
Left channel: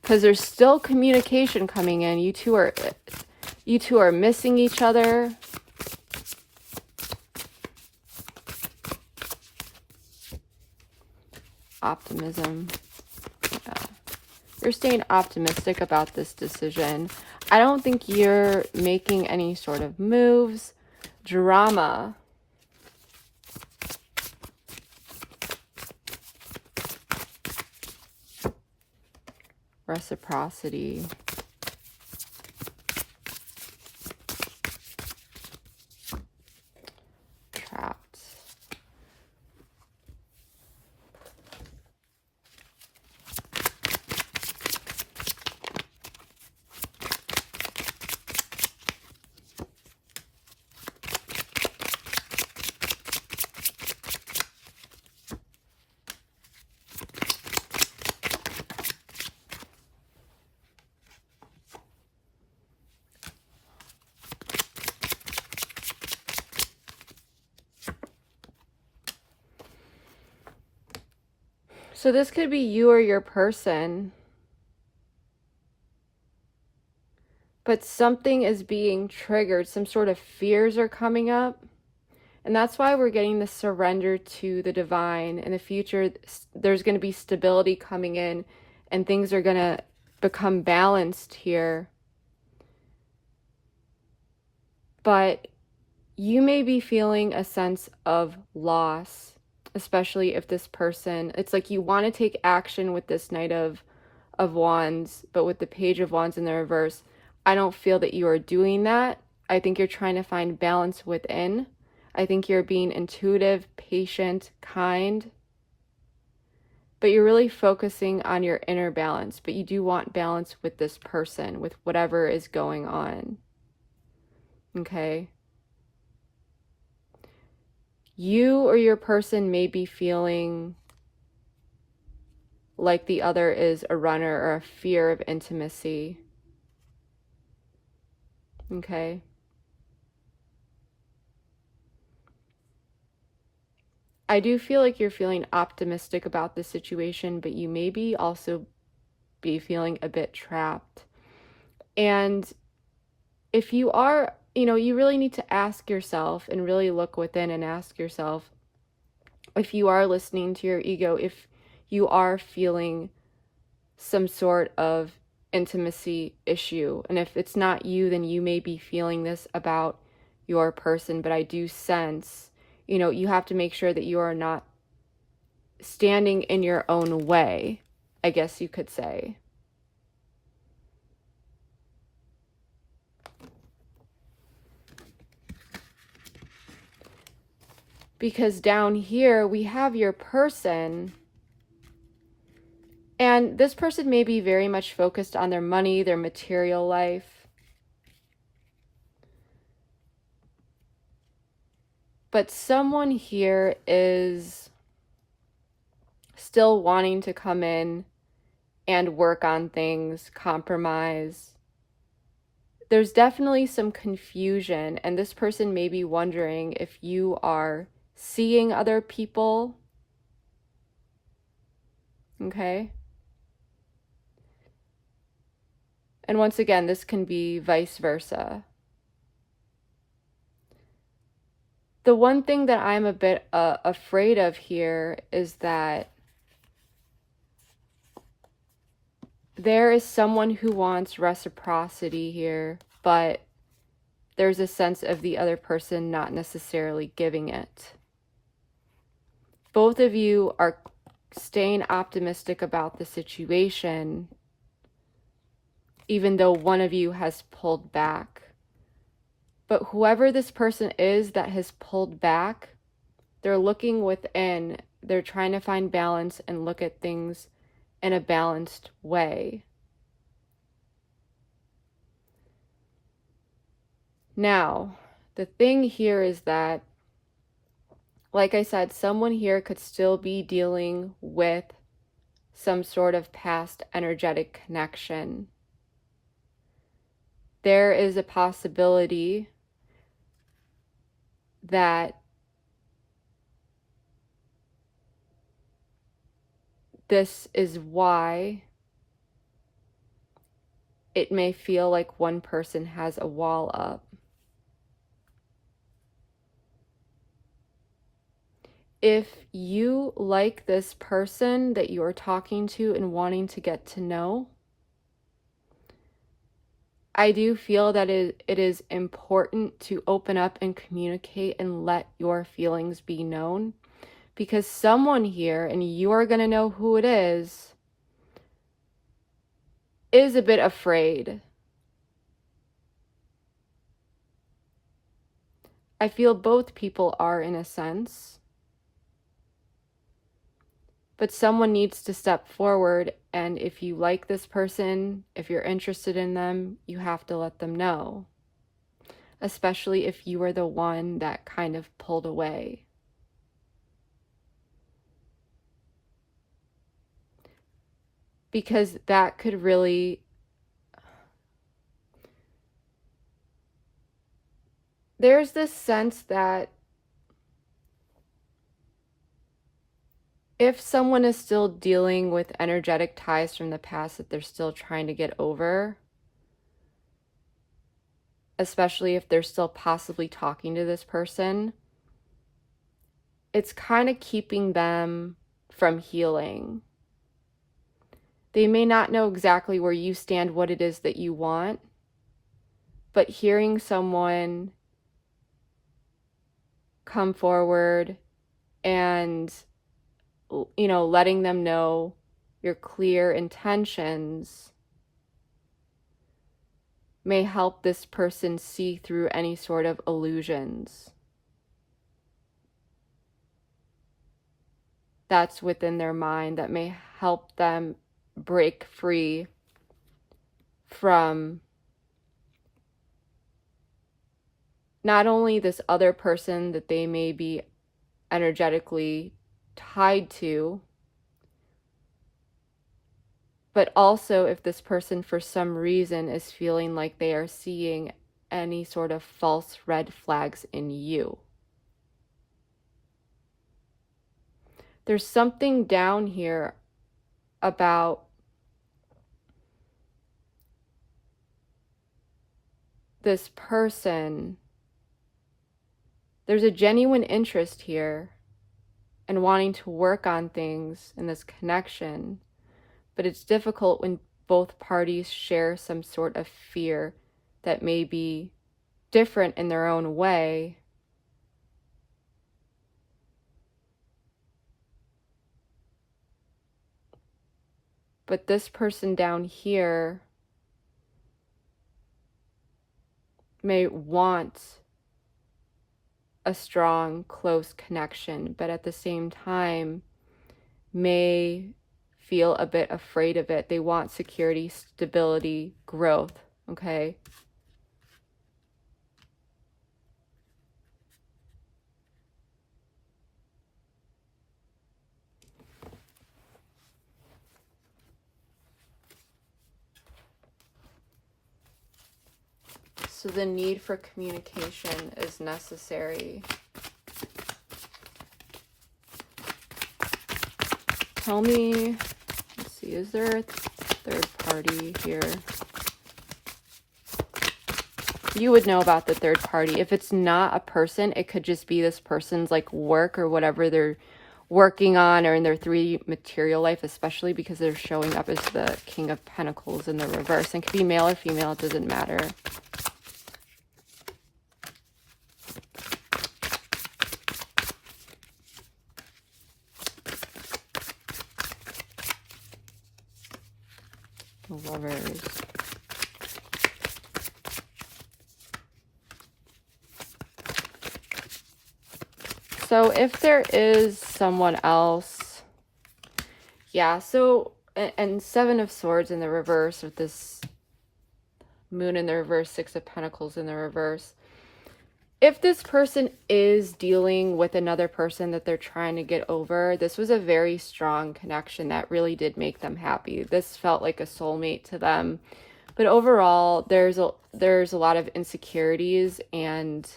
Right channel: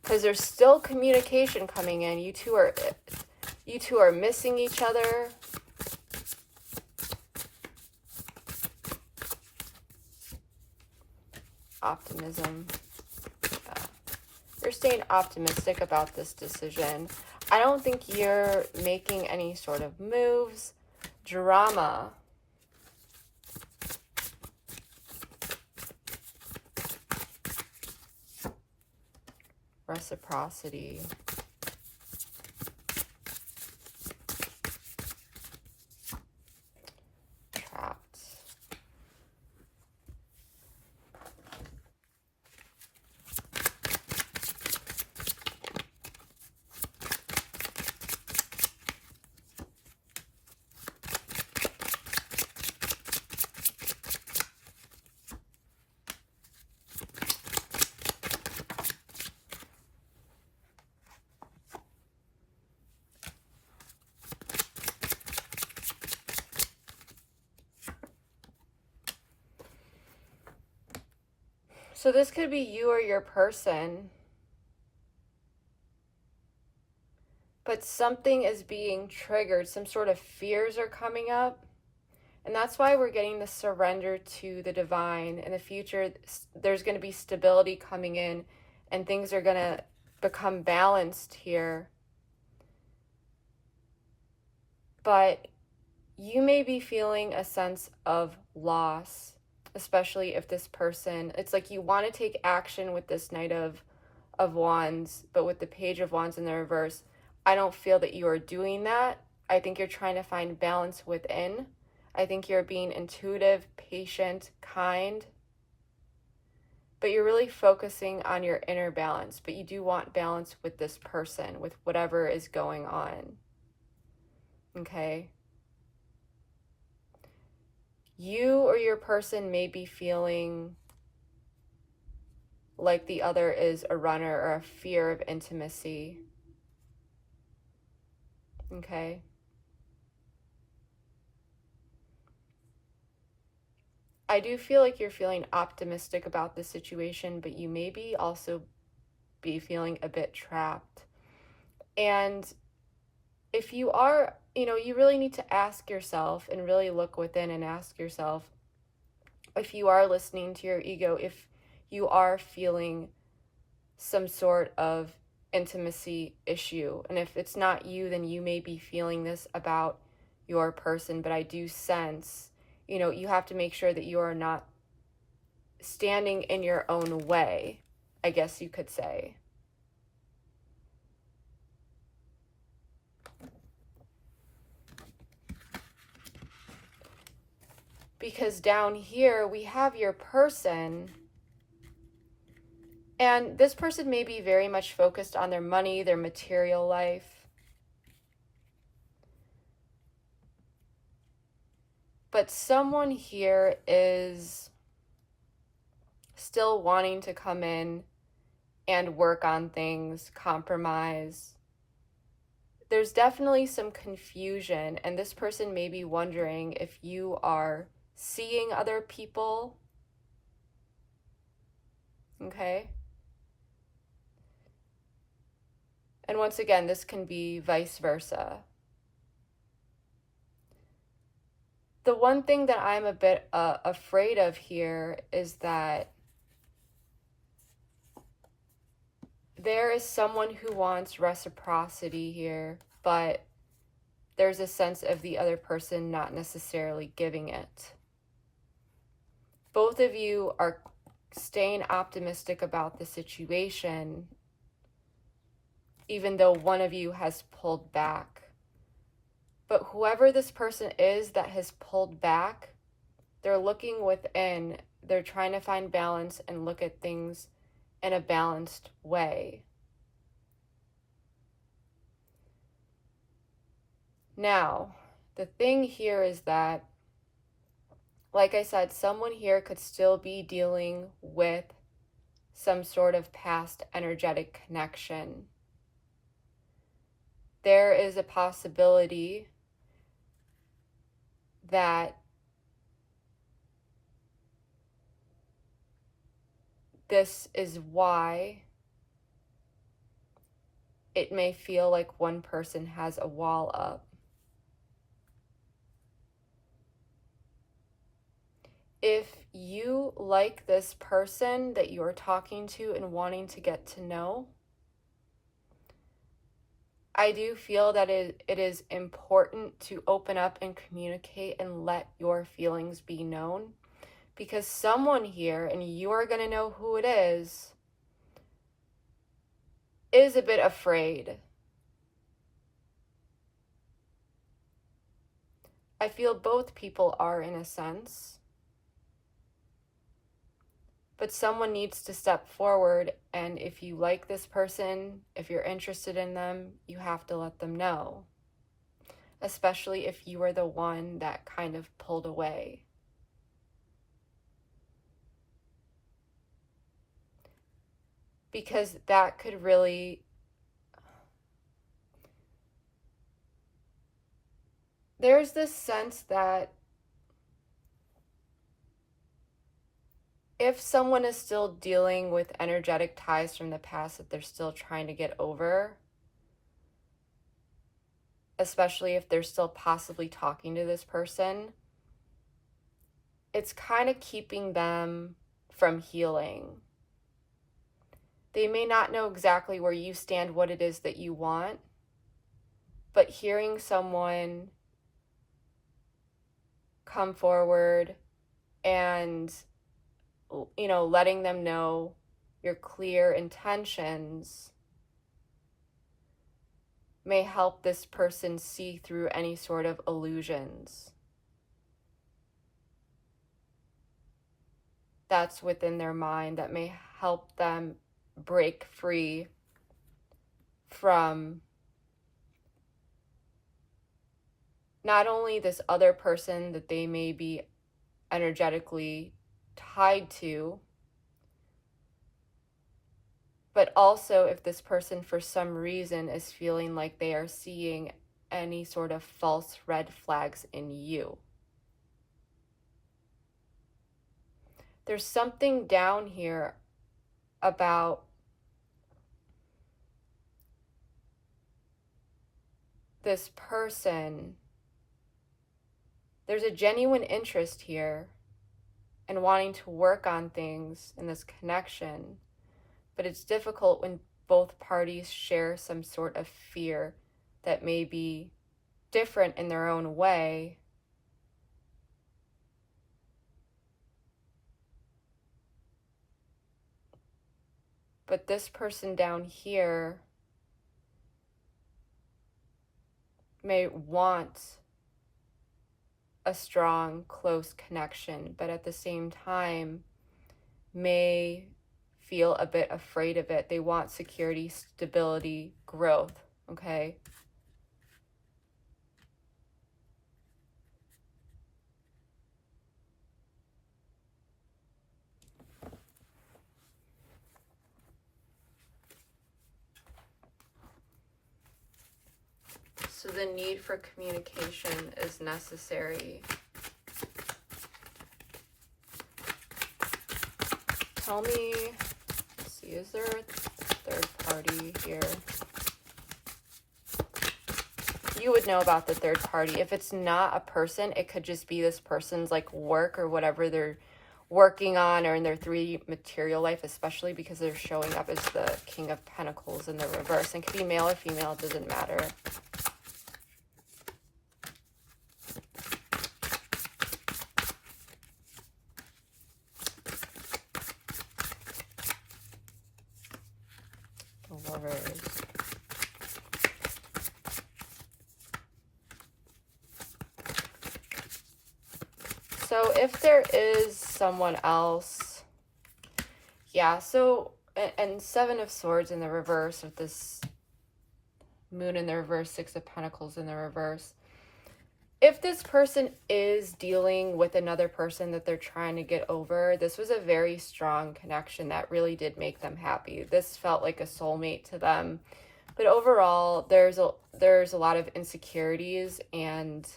Because there's still communication coming in. You two are missing each other. Optimism. Yeah. You're staying optimistic about this decision. I don't think you're making any sort of moves. Drama. reciprocity. Trapped. So this could be you or your person, but something is being triggered. Some sort of fears are coming up. And that's why we're getting the surrender to the divine. In the future, there's going to be stability coming in and things are going to become balanced here. But you may be feeling a sense of loss, especially if this person, it's like you want to take action with this Knight of Wands, but with the Page of Wands in the reverse, I don't feel that you are doing that. I think you're trying to find balance within. I think you're being intuitive, patient, kind, but you're really focusing on your inner balance. But you do want balance with this person, with whatever is going on. Okay? You or your person may be feeling like the other is a runner or a fear of intimacy. Okay? I do feel like you're feeling optimistic about the situation, but you may be also be feeling a bit trapped. And if you are, you really need to ask yourself and really look within and ask yourself if you are listening to your ego, if you are feeling some sort of intimacy issue. And if it's not you, then you may be feeling this about your person. But I do sense, you have to make sure that you are not standing in your own way, I guess you could say. Because down here we have your person, and this person may be very much focused on their money, their material life. But someone here is still wanting to come in and work on things, compromise. There's definitely some confusion, and this person may be wondering if you are seeing other people. Okay? And once again, this can be vice versa. The one thing that I'm a bit afraid of here is that there is someone who wants reciprocity here, but there's a sense of the other person not necessarily giving it. Both of you are staying optimistic about the situation, even though one of you has pulled back. But whoever this person is that has pulled back, they're looking within. They're trying to find balance and look at things in a balanced way. Now, the thing here is that, like I said, someone here could still be dealing with some sort of past energetic connection. There is a possibility that this is why it may feel like one person has a wall up. If you like this person that you are talking to and wanting to get to know, I do feel that it is important to open up and communicate and let your feelings be known, because someone here, and you are going to know who it is, is a bit afraid. I feel both people are, in a sense. But someone needs to step forward, and if you like this person, if you're interested in them, you have to let them know. Especially if you were the one that kind of pulled away. Because that could really... There's this sense that if someone is still dealing with energetic ties from the past that they're still trying to get over, especially if they're still possibly talking to this person, it's kind of keeping them from healing. They may not know exactly where you stand, what it is that you want, but hearing someone come forward and, you know, letting them know your clear intentions may help this person see through any sort of illusions that's within their mind, that may help them break free from not only this other person that they may be energetically tied to, but also if this person for some reason is feeling like they are seeing any sort of false red flags in you. There's something down here about this person. There's a genuine interest here in wanting to work on things in this connection, but it's difficult when both parties share some sort of fear that may be different in their own way. But this person down here may want a strong, close connection, but at the same time may feel a bit afraid of it. They want security, stability, growth, okay? So the need for communication is necessary. Tell me, let's see, is there a third party here? You would know about the third party. If it's not a person, it could just be this person's like work or whatever they're working on, or in their 3D material life, especially because they're showing up as the King of Pentacles in the reverse. And it could be male or female, it doesn't matter. Lovers. So if there is someone else, yeah, so, and Seven of Swords in the reverse with this Moon in the reverse, Six of Pentacles in the reverse. If this person is dealing with another person that they're trying to get over, this was a very strong connection that really did make them happy. This felt like a soulmate to them. But overall, there's a lot of insecurities and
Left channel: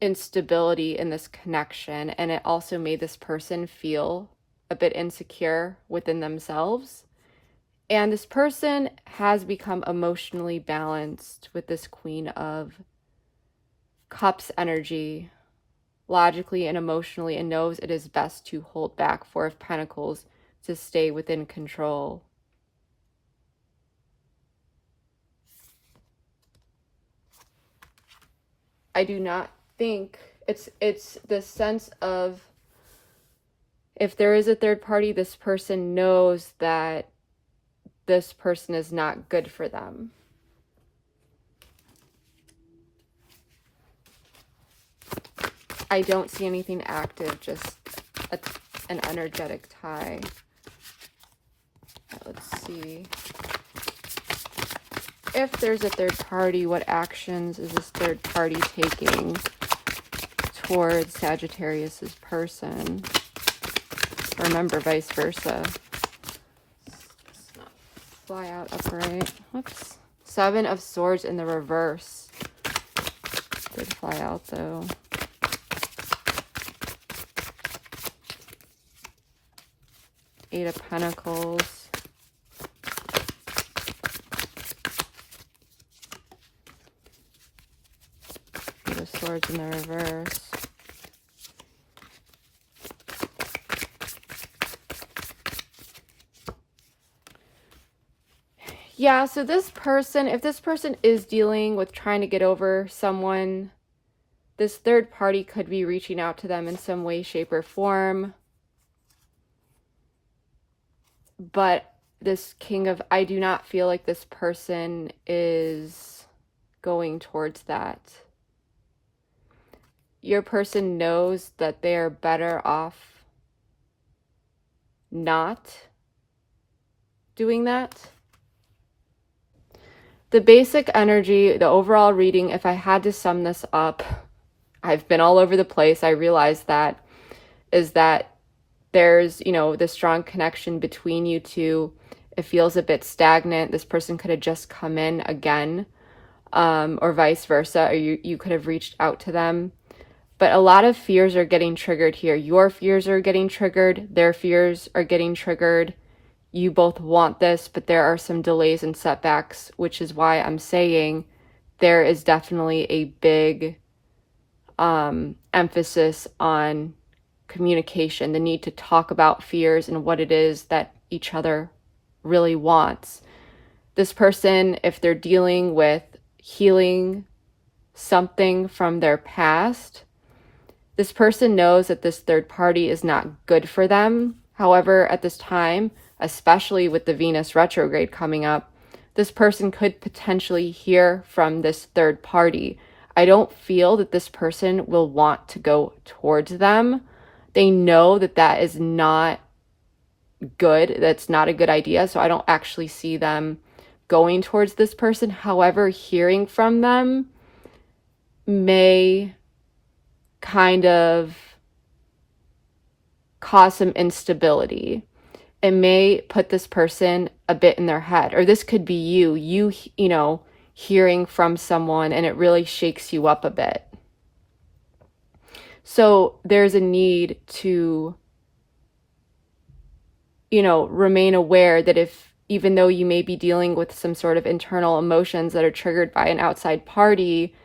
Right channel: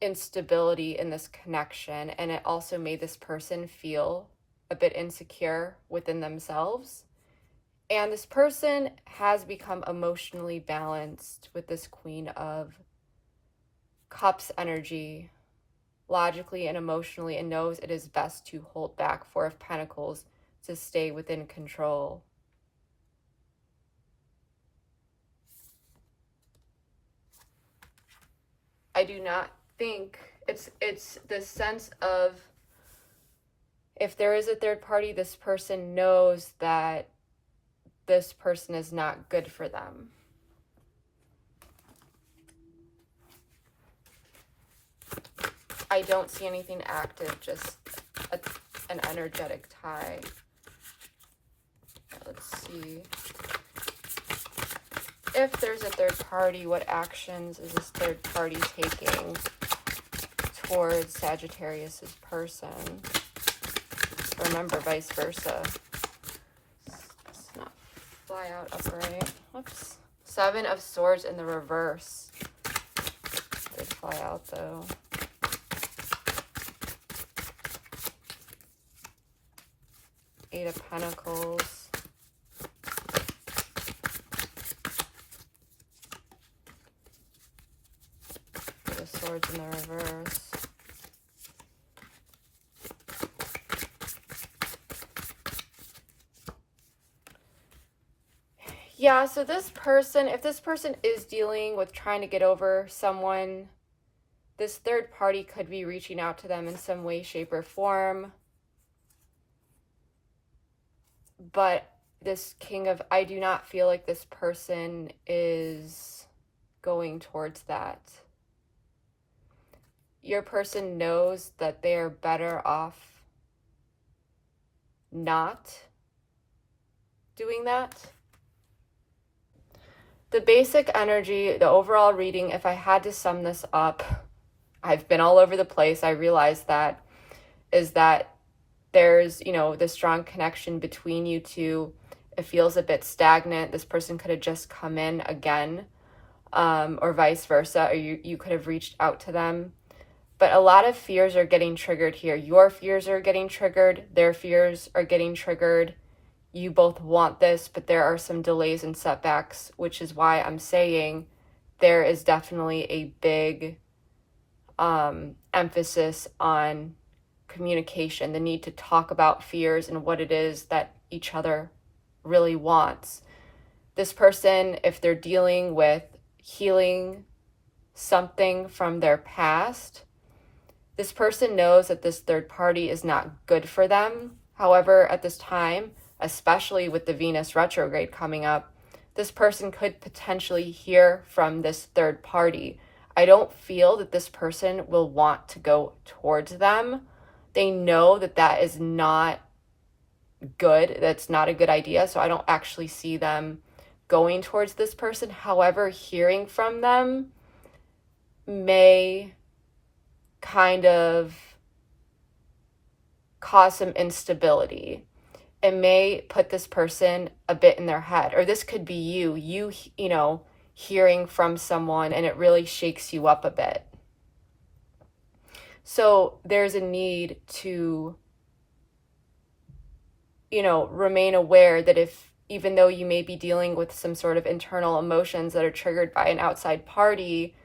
instability in this connection, and it also made this person feel a bit insecure within themselves. And this person has become emotionally balanced with this Queen of Cups energy, logically and emotionally, and knows it is best to hold back. Four of Pentacles, to stay within control. I do not think it's the sense of, if there is a third party, this person knows that this person is not good for them. I don't see anything active, just an energetic tie. Let's see. If there's a third party, what actions is this third party taking towards Sagittarius's person? Remember, vice versa. Let's not fly out upright. Oops. 7 of Swords in the reverse. Did fly out though. Eight of Pentacles. Eight of Swords in the reverse. Yeah, so this person, if this person is dealing with trying to get over someone, this third party could be reaching out to them in some way, shape, or form. But this King of, I do not feel like this person is going towards that. Your person knows that they are better off not doing that. The basic energy, the overall reading, if I had to sum this up, I've been all over the place. I realize that, is that there's, you know, the strong connection between you two. It feels a bit stagnant. This person could have just come in again, or vice versa, or you could have reached out to them. But a lot of fears are getting triggered here. Your fears are getting triggered. Their fears are getting triggered. You both want this, but there are some delays and setbacks, which is why I'm saying there is definitely a big emphasis on communication, the need to talk about fears and what it is that each other really wants. This person, if they're dealing with healing something from their past, this person knows that this third party is not good for them. However, at this time, especially with the Venus retrograde coming up, this person could potentially hear from this third party. I don't feel that this person will want to go towards them. They know that that is not good. That's not a good idea. So I don't actually see them going towards this person. However, hearing from them may kind of cause some instability. It may put this person a bit in their head, or this could be you know, hearing from someone and it really shakes you up a bit. So there's a need to, you know, remain aware that if, even though you may be dealing with some sort of internal emotions that are triggered by an outside party,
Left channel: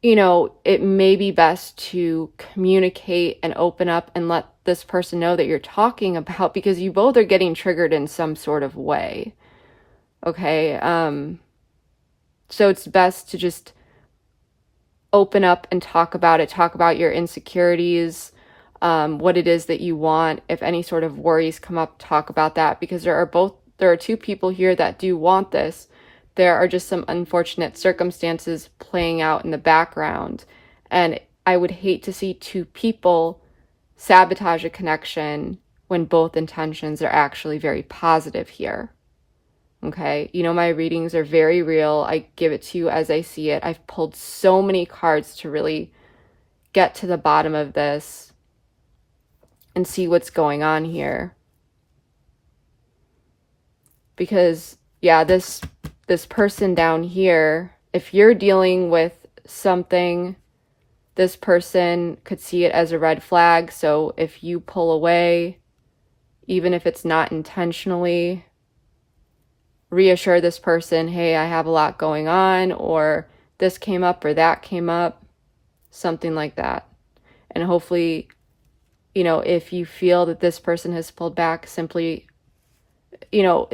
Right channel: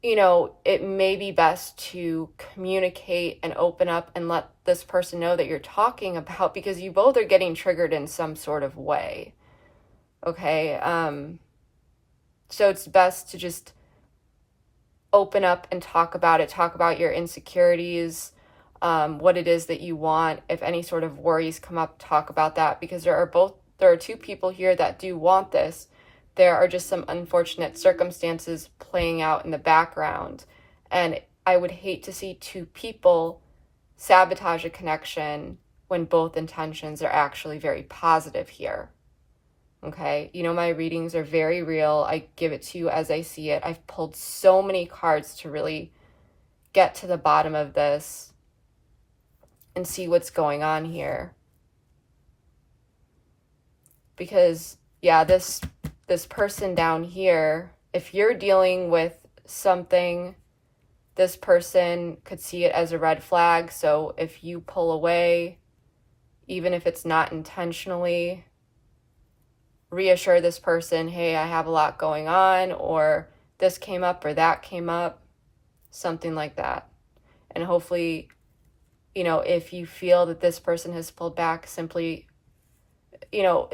you know, it may be best to communicate and open up and let this person know that you're talking about, because you both are getting triggered in some sort of way. Okay. So it's best to just open up and talk about it, talk about your insecurities, what it is that you want. If any sort of worries come up, talk about that, because there are two people here that do want this. There are just some unfortunate circumstances playing out in the background. And I would hate to see two people sabotage a connection when both intentions are actually very positive here. Okay, you know, my readings are very real. I give it to you as I see it. I've pulled so many cards to really get to the bottom of this and see what's going on here. Because, yeah, this person down here, if you're dealing with something, this person could see it as a red flag. So if you pull away, even if it's not intentionally, reassure this person, hey, I have a lot going on, or this came up or that came up, something like that. And hopefully, you know, if you feel that this person has pulled back, simply, you know,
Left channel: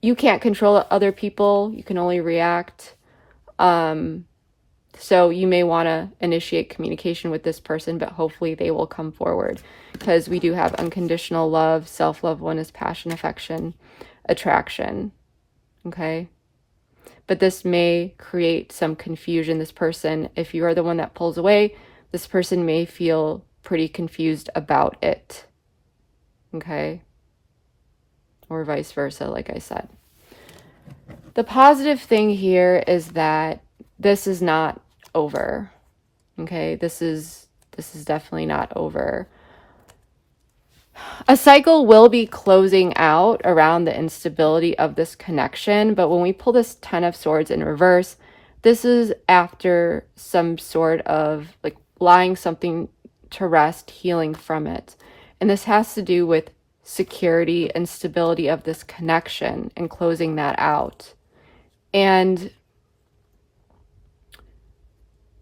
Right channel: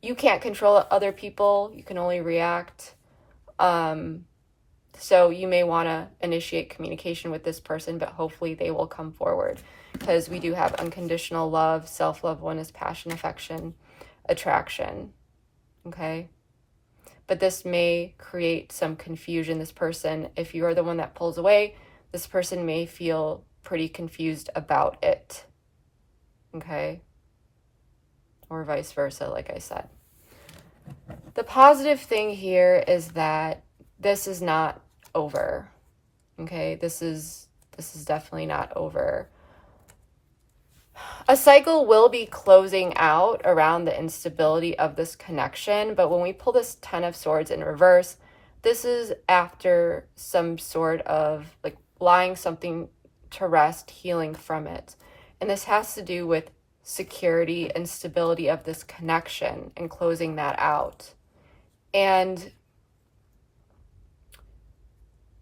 you can't control other people. You can only react. So you may want to initiate communication with this person, but hopefully they will come forward, because we do have unconditional love, self-love, oneness, passion, affection, attraction. Okay? But this may create some confusion. This person, if you are the one that pulls away, this person may feel pretty confused about it. Okay? Or vice versa, like I said. The positive thing here is that this is not over. Okay? This is definitely not over. A cycle will be closing out around the instability of this connection, but when we pull this Ten of Swords in reverse, this is after some sort of like lying something to rest, healing from it. And this has to do with security and stability of this connection and closing that out. And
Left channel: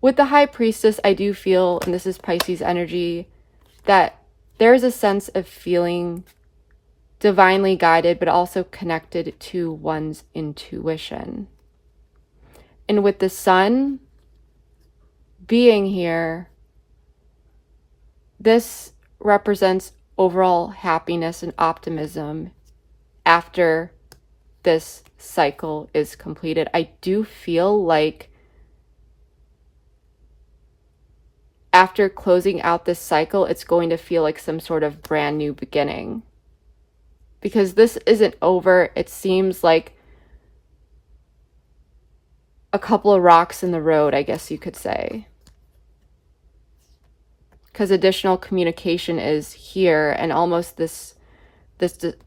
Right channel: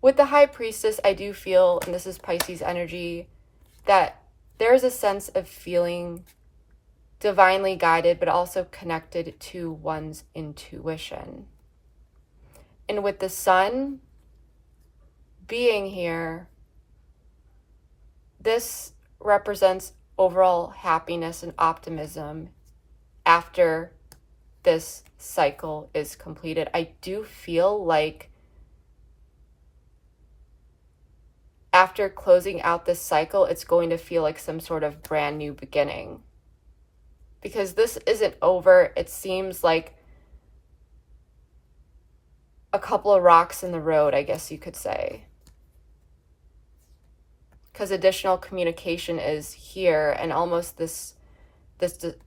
with the High Priestess, I do feel, and this is Pisces energy, that there is a sense of feeling divinely guided, but also connected to one's intuition. And with the Sun being here, this represents overall happiness and optimism after this cycle is completed. I do feel like after closing out this cycle, it's going to feel like some sort of brand new beginning. Because this isn't over. It seems like a couple of rocks in the road, I guess you could say. Because additional communication is here, and almost this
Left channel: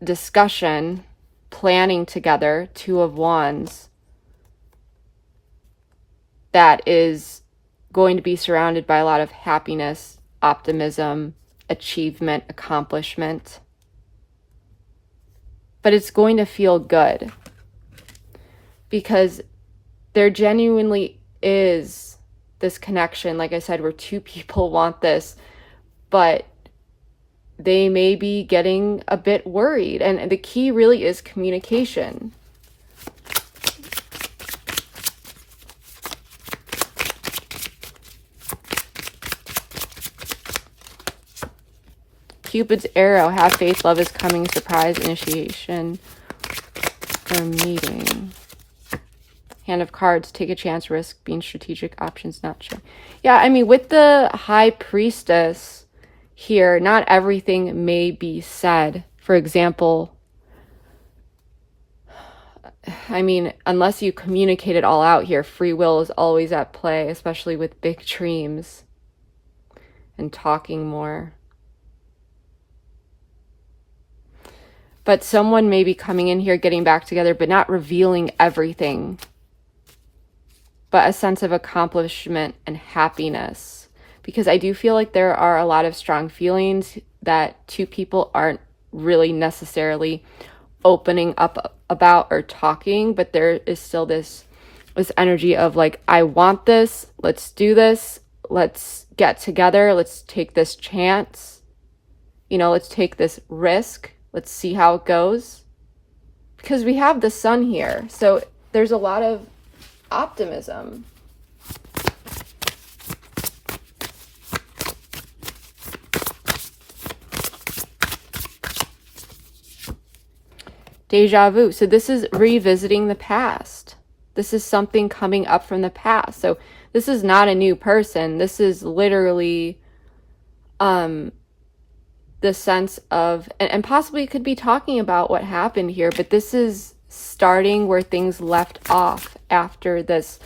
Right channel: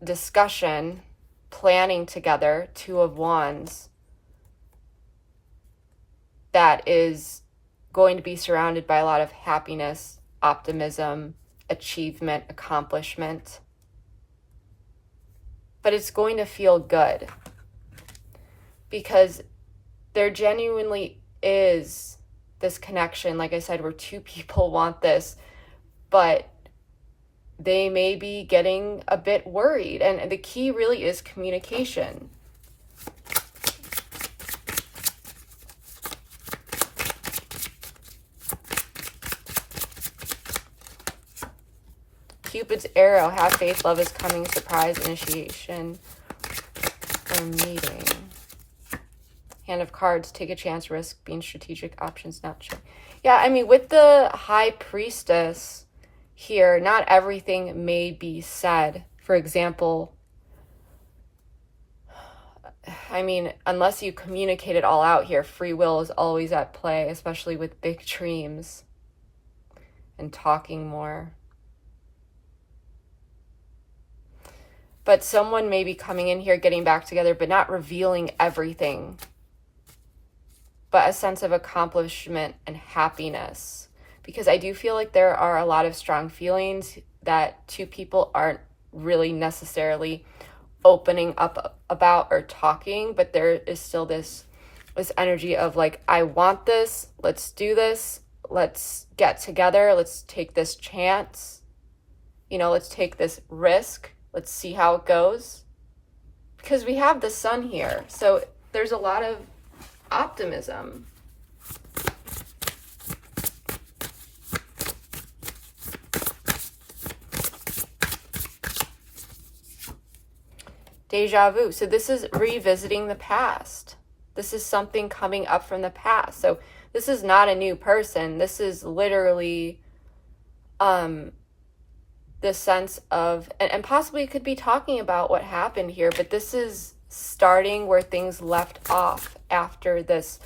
discussion, planning together, Two of Wands, that is going to be surrounded by a lot of happiness, optimism, achievement, accomplishment. But it's going to feel good, because there genuinely is this connection, like I said, where two people want this, but they may be getting a bit worried. And the key really is communication. Cupid's arrow, have faith, love is coming, surprise, initiation, or meeting. Hand of cards, take a chance, risk, being strategic, options not sure. Yeah, I mean, with the High Priestess here, not everything may be said. For example, I mean, unless you communicate it all out here, free will is always at play, especially with big dreams and talking more. But someone may be coming in here, getting back together, but not revealing everything. But a sense of accomplishment and happiness. Because I do feel like there are a lot of strong feelings that two people aren't really necessarily opening up about or talking. But there is still this energy of like, I want this, let's do this, let's get together, let's take this chance. You know, let's take this risk. Let's see how it goes. Because we have the Sun here. So there's a lot of optimism. Deja vu. So this is revisiting the past. This is something coming up from the past. So this is not a new person. This is literally the sense of, and possibly it could be talking about what happened here, but this is starting where things left off after this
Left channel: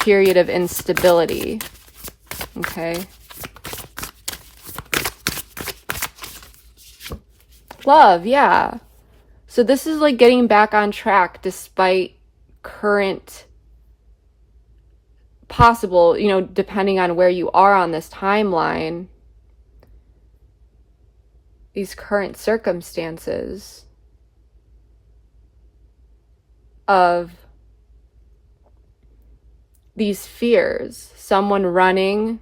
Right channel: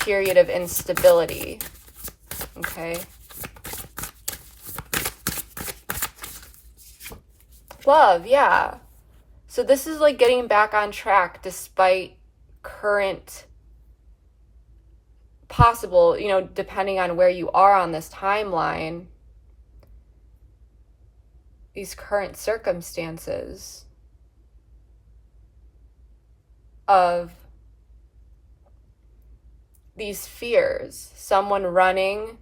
period of instability. Okay. Love, yeah. So this is like getting back on track despite current possible, you know, depending on where you are on this timeline, these current circumstances of these fears, someone running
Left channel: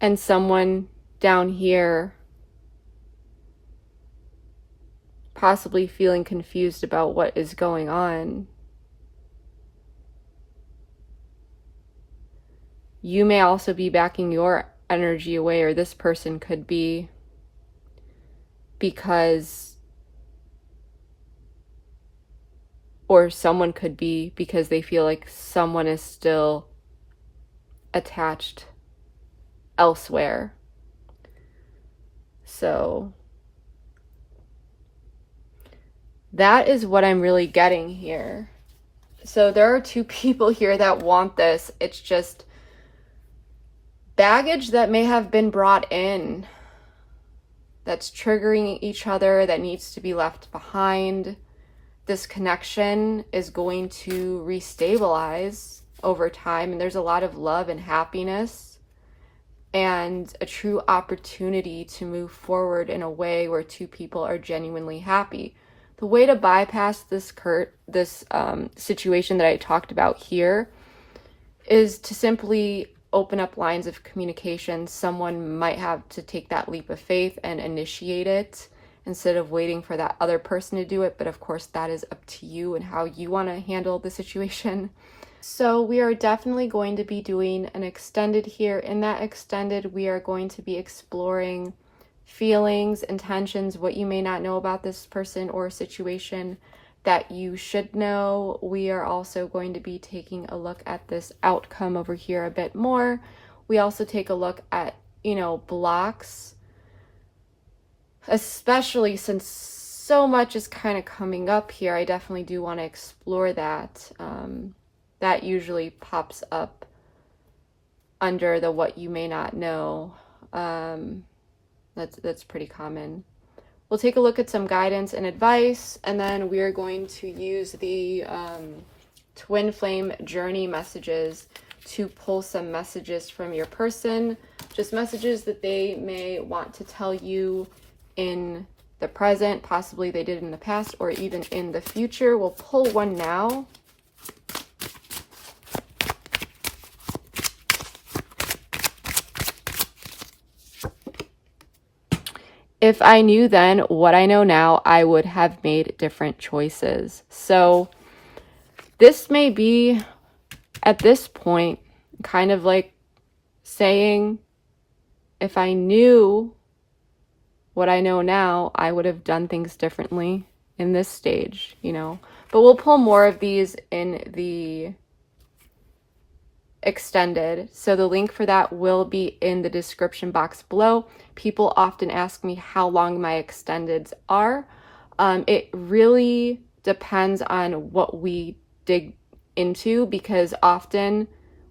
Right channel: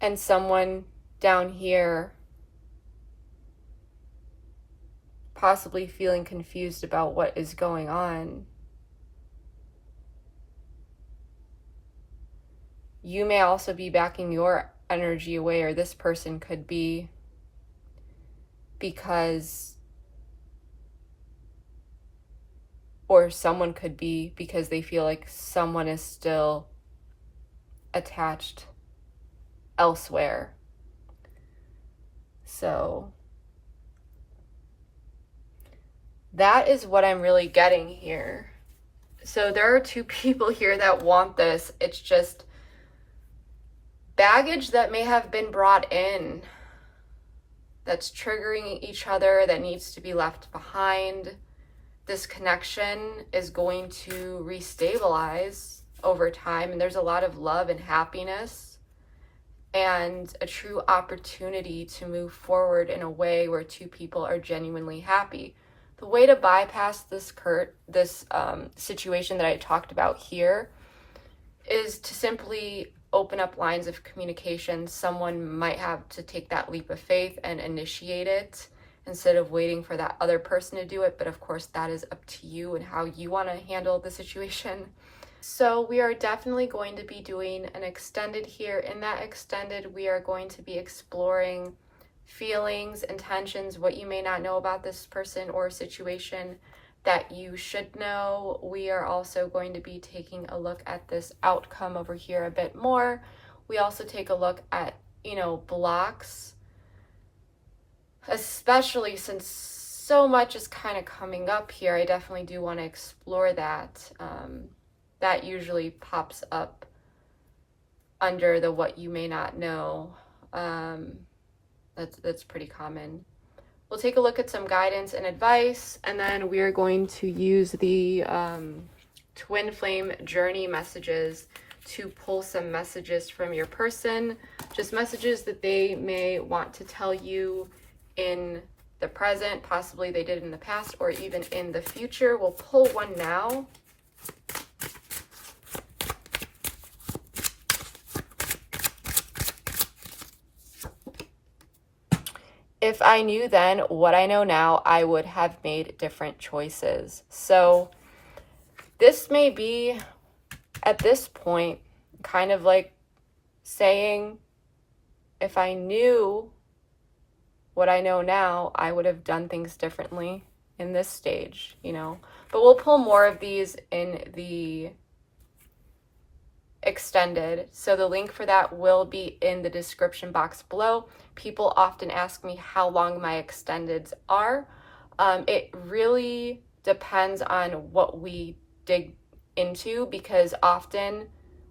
and someone down here possibly feeling confused about what is going on. You may also be backing your energy away, or this person could be, because, or someone could be because they feel like someone is still attached elsewhere. So that is what I'm really getting here. So there are two people here that want this. It's just baggage that may have been brought in that's triggering each other, that needs to be left behind. This connection is going to restabilize over time. And there's a lot of love and happiness and a true opportunity to move forward in a way where two people are genuinely happy. The way to bypass this situation that I talked about here is to simply open up lines of communication. Someone might have to take that leap of faith and initiate it instead of waiting for that other person to do it. But of course, that is up to you and how you want to handle the situation. So we are definitely going to be doing an extended here. In that extended, we are going to be exploring feelings, intentions, what you may not know about this person or situation that you should know. We are also going to be taking a look at this outcome over here a bit more. We also take a look at, blocks, especially since so much is kind of coming up here. I definitely do want to explore that. That usually pops up under the what you may not know. That's pretty common. We'll take a look at some guidance and advice, and then we are going to use the twin flame journey messages to pull some messages from your person, just messages that they may want to tell you in the present, possibly they did in the past, or even in the future. We'll pull one now. If I knew then what I know now, I would have made different choices. So this may be, at this point, kind of like saying, if I knew what I know now, I would have done things differently in this stage, But we'll pull more of these in the extended. So the link for that will be in the description box below. People often ask me how long my extendeds are. It really depends on what we dig into, because often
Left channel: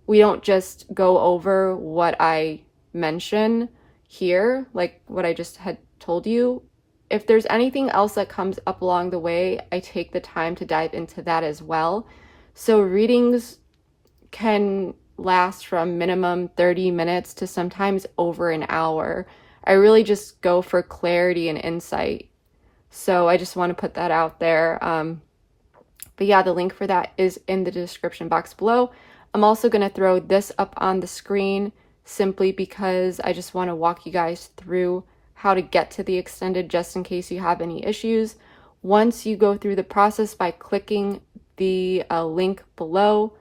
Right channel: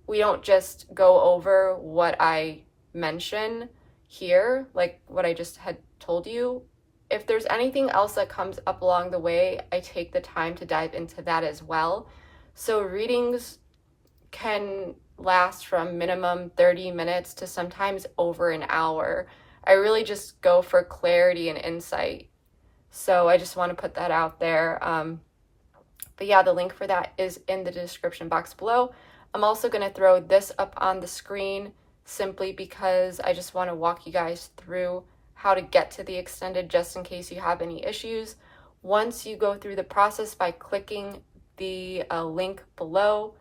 we don't just go over what I mention here, like what I just had told you. If there's anything else that comes up along the way, I take the time to dive into that as well. So readings can last from minimum 30 minutes to sometimes over an hour. I really just go for clarity and insight. So I just want to put that out there. But yeah, the link for that is in the description box below. I'm also going to throw this up on the screen simply because I just want to walk you guys through how to get to the extended, just in case you have any issues. Once you go through the process by clicking the link below,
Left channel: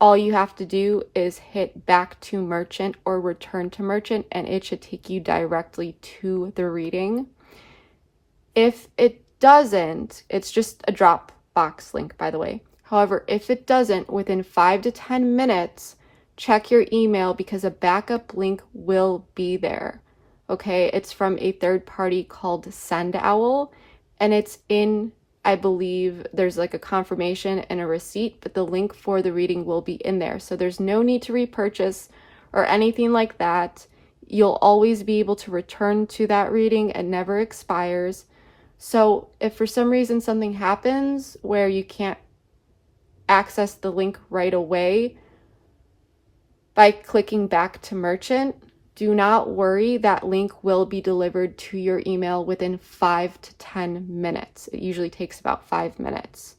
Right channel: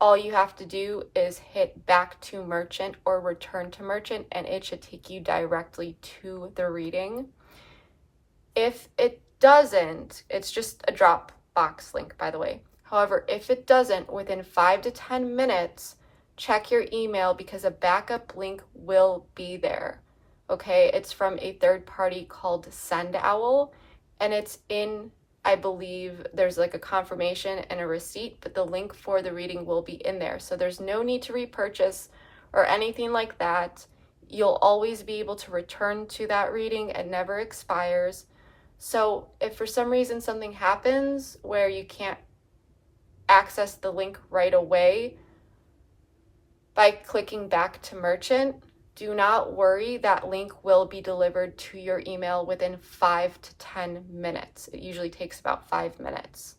all you have to do is hit back to merchant or return to merchant, and it should take you directly to the reading. If it doesn't, it's just a Dropbox link, by the way. However, if it doesn't, within 5 to 10 minutes, check your email, because a backup link will be there. Okay, it's from a third party called SendOwl, and it's in, I believe there's like a confirmation and a receipt, but the link for the reading will be in there. So there's no need to repurchase or anything like that. You'll always be able to return to that reading. It never expires. So if for some reason something happens where you can't access the link right away by clicking back to merchant, do not worry, that link will be delivered to your email within 5 to 10 minutes. It usually takes about 5 minutes.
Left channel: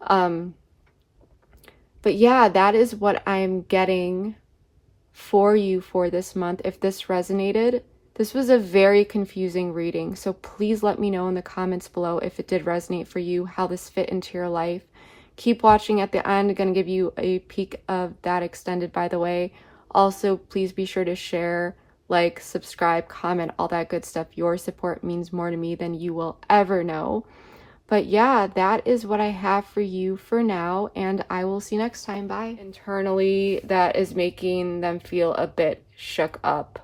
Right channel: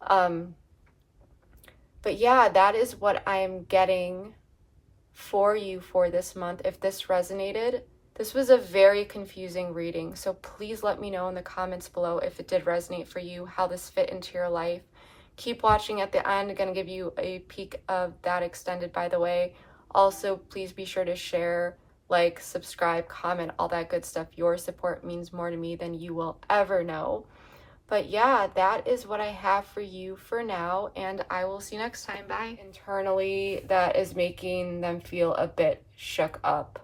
But yeah, that is what I'm getting for you for this month. If this resonated, this was a very confusing reading. So please let me know in the comments below if it did resonate for you, how this fit into your life. Keep watching at the end. I'm going to give you a peek of that extended, by the way. Also, please be sure to share, like, subscribe, comment, all that good stuff. Your support means more to me than you will ever know. But yeah, that is what I have for you for now, and I will see you next time. Bye. Internally, that is making them feel a bit shook up.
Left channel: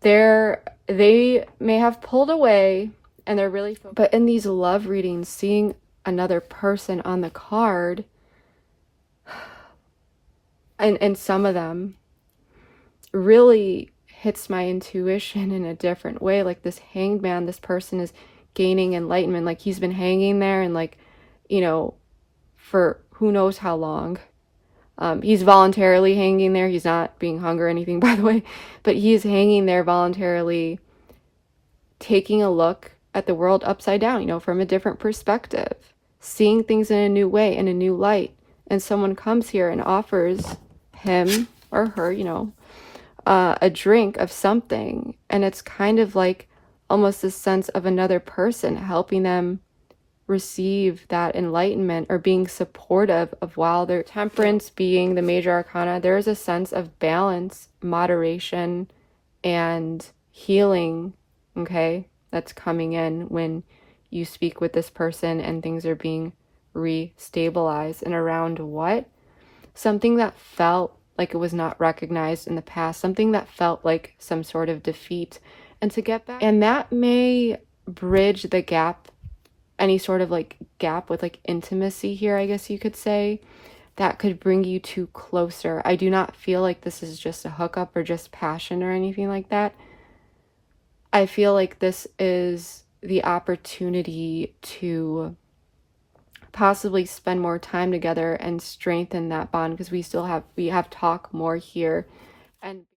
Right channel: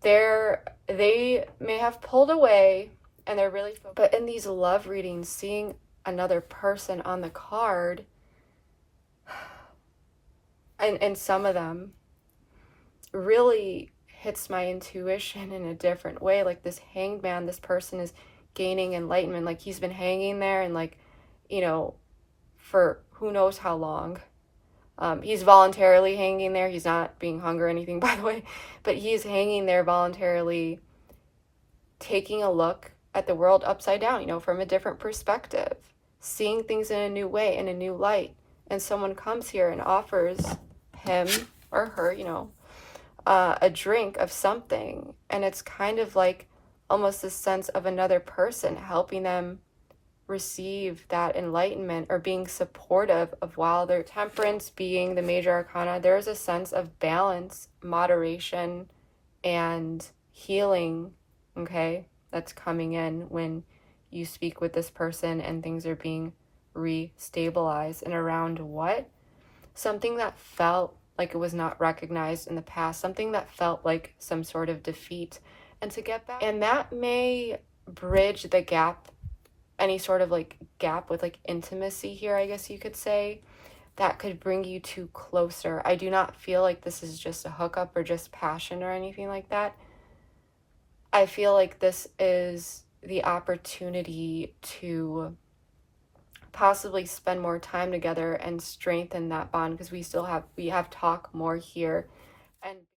They may have pulled away, and they're really, but in these love readings, seeing another person on the card, and some of them, really hits my intuition in a different way. Like this Hanged Man, this person is gaining enlightenment. Like he's been hanging there and, like, you know, for who knows how long. He's voluntarily hanging there. He's not being hung or anything, by the way, but he's hanging there voluntarily, taking a look at the world upside down, you know, from a different perspective, seeing things in a new way, in a new light. And someone comes here and offers him or her, you know, a drink of something. And it's kind of like almost a sense of another person helping them receive that enlightenment, or being supportive of, while their Temperance being the major arcana, there is a sense of balance, moderation, and healing, okay, that's coming in when you speak with this person and things are being re-stabilized. And around what? Something that felt like it was not recognized in the past, something that felt like some sort of defeat, and to get back. And that may bridge the gap, any sort of like gap with like intimacy here, I guess you could say, that could bring you two closer. I do not feel like this is just a hookup or just passion or anything like that. I feel like this is the opportunity to possibly spend more time together and strengthen that bond, because we have talk more here. And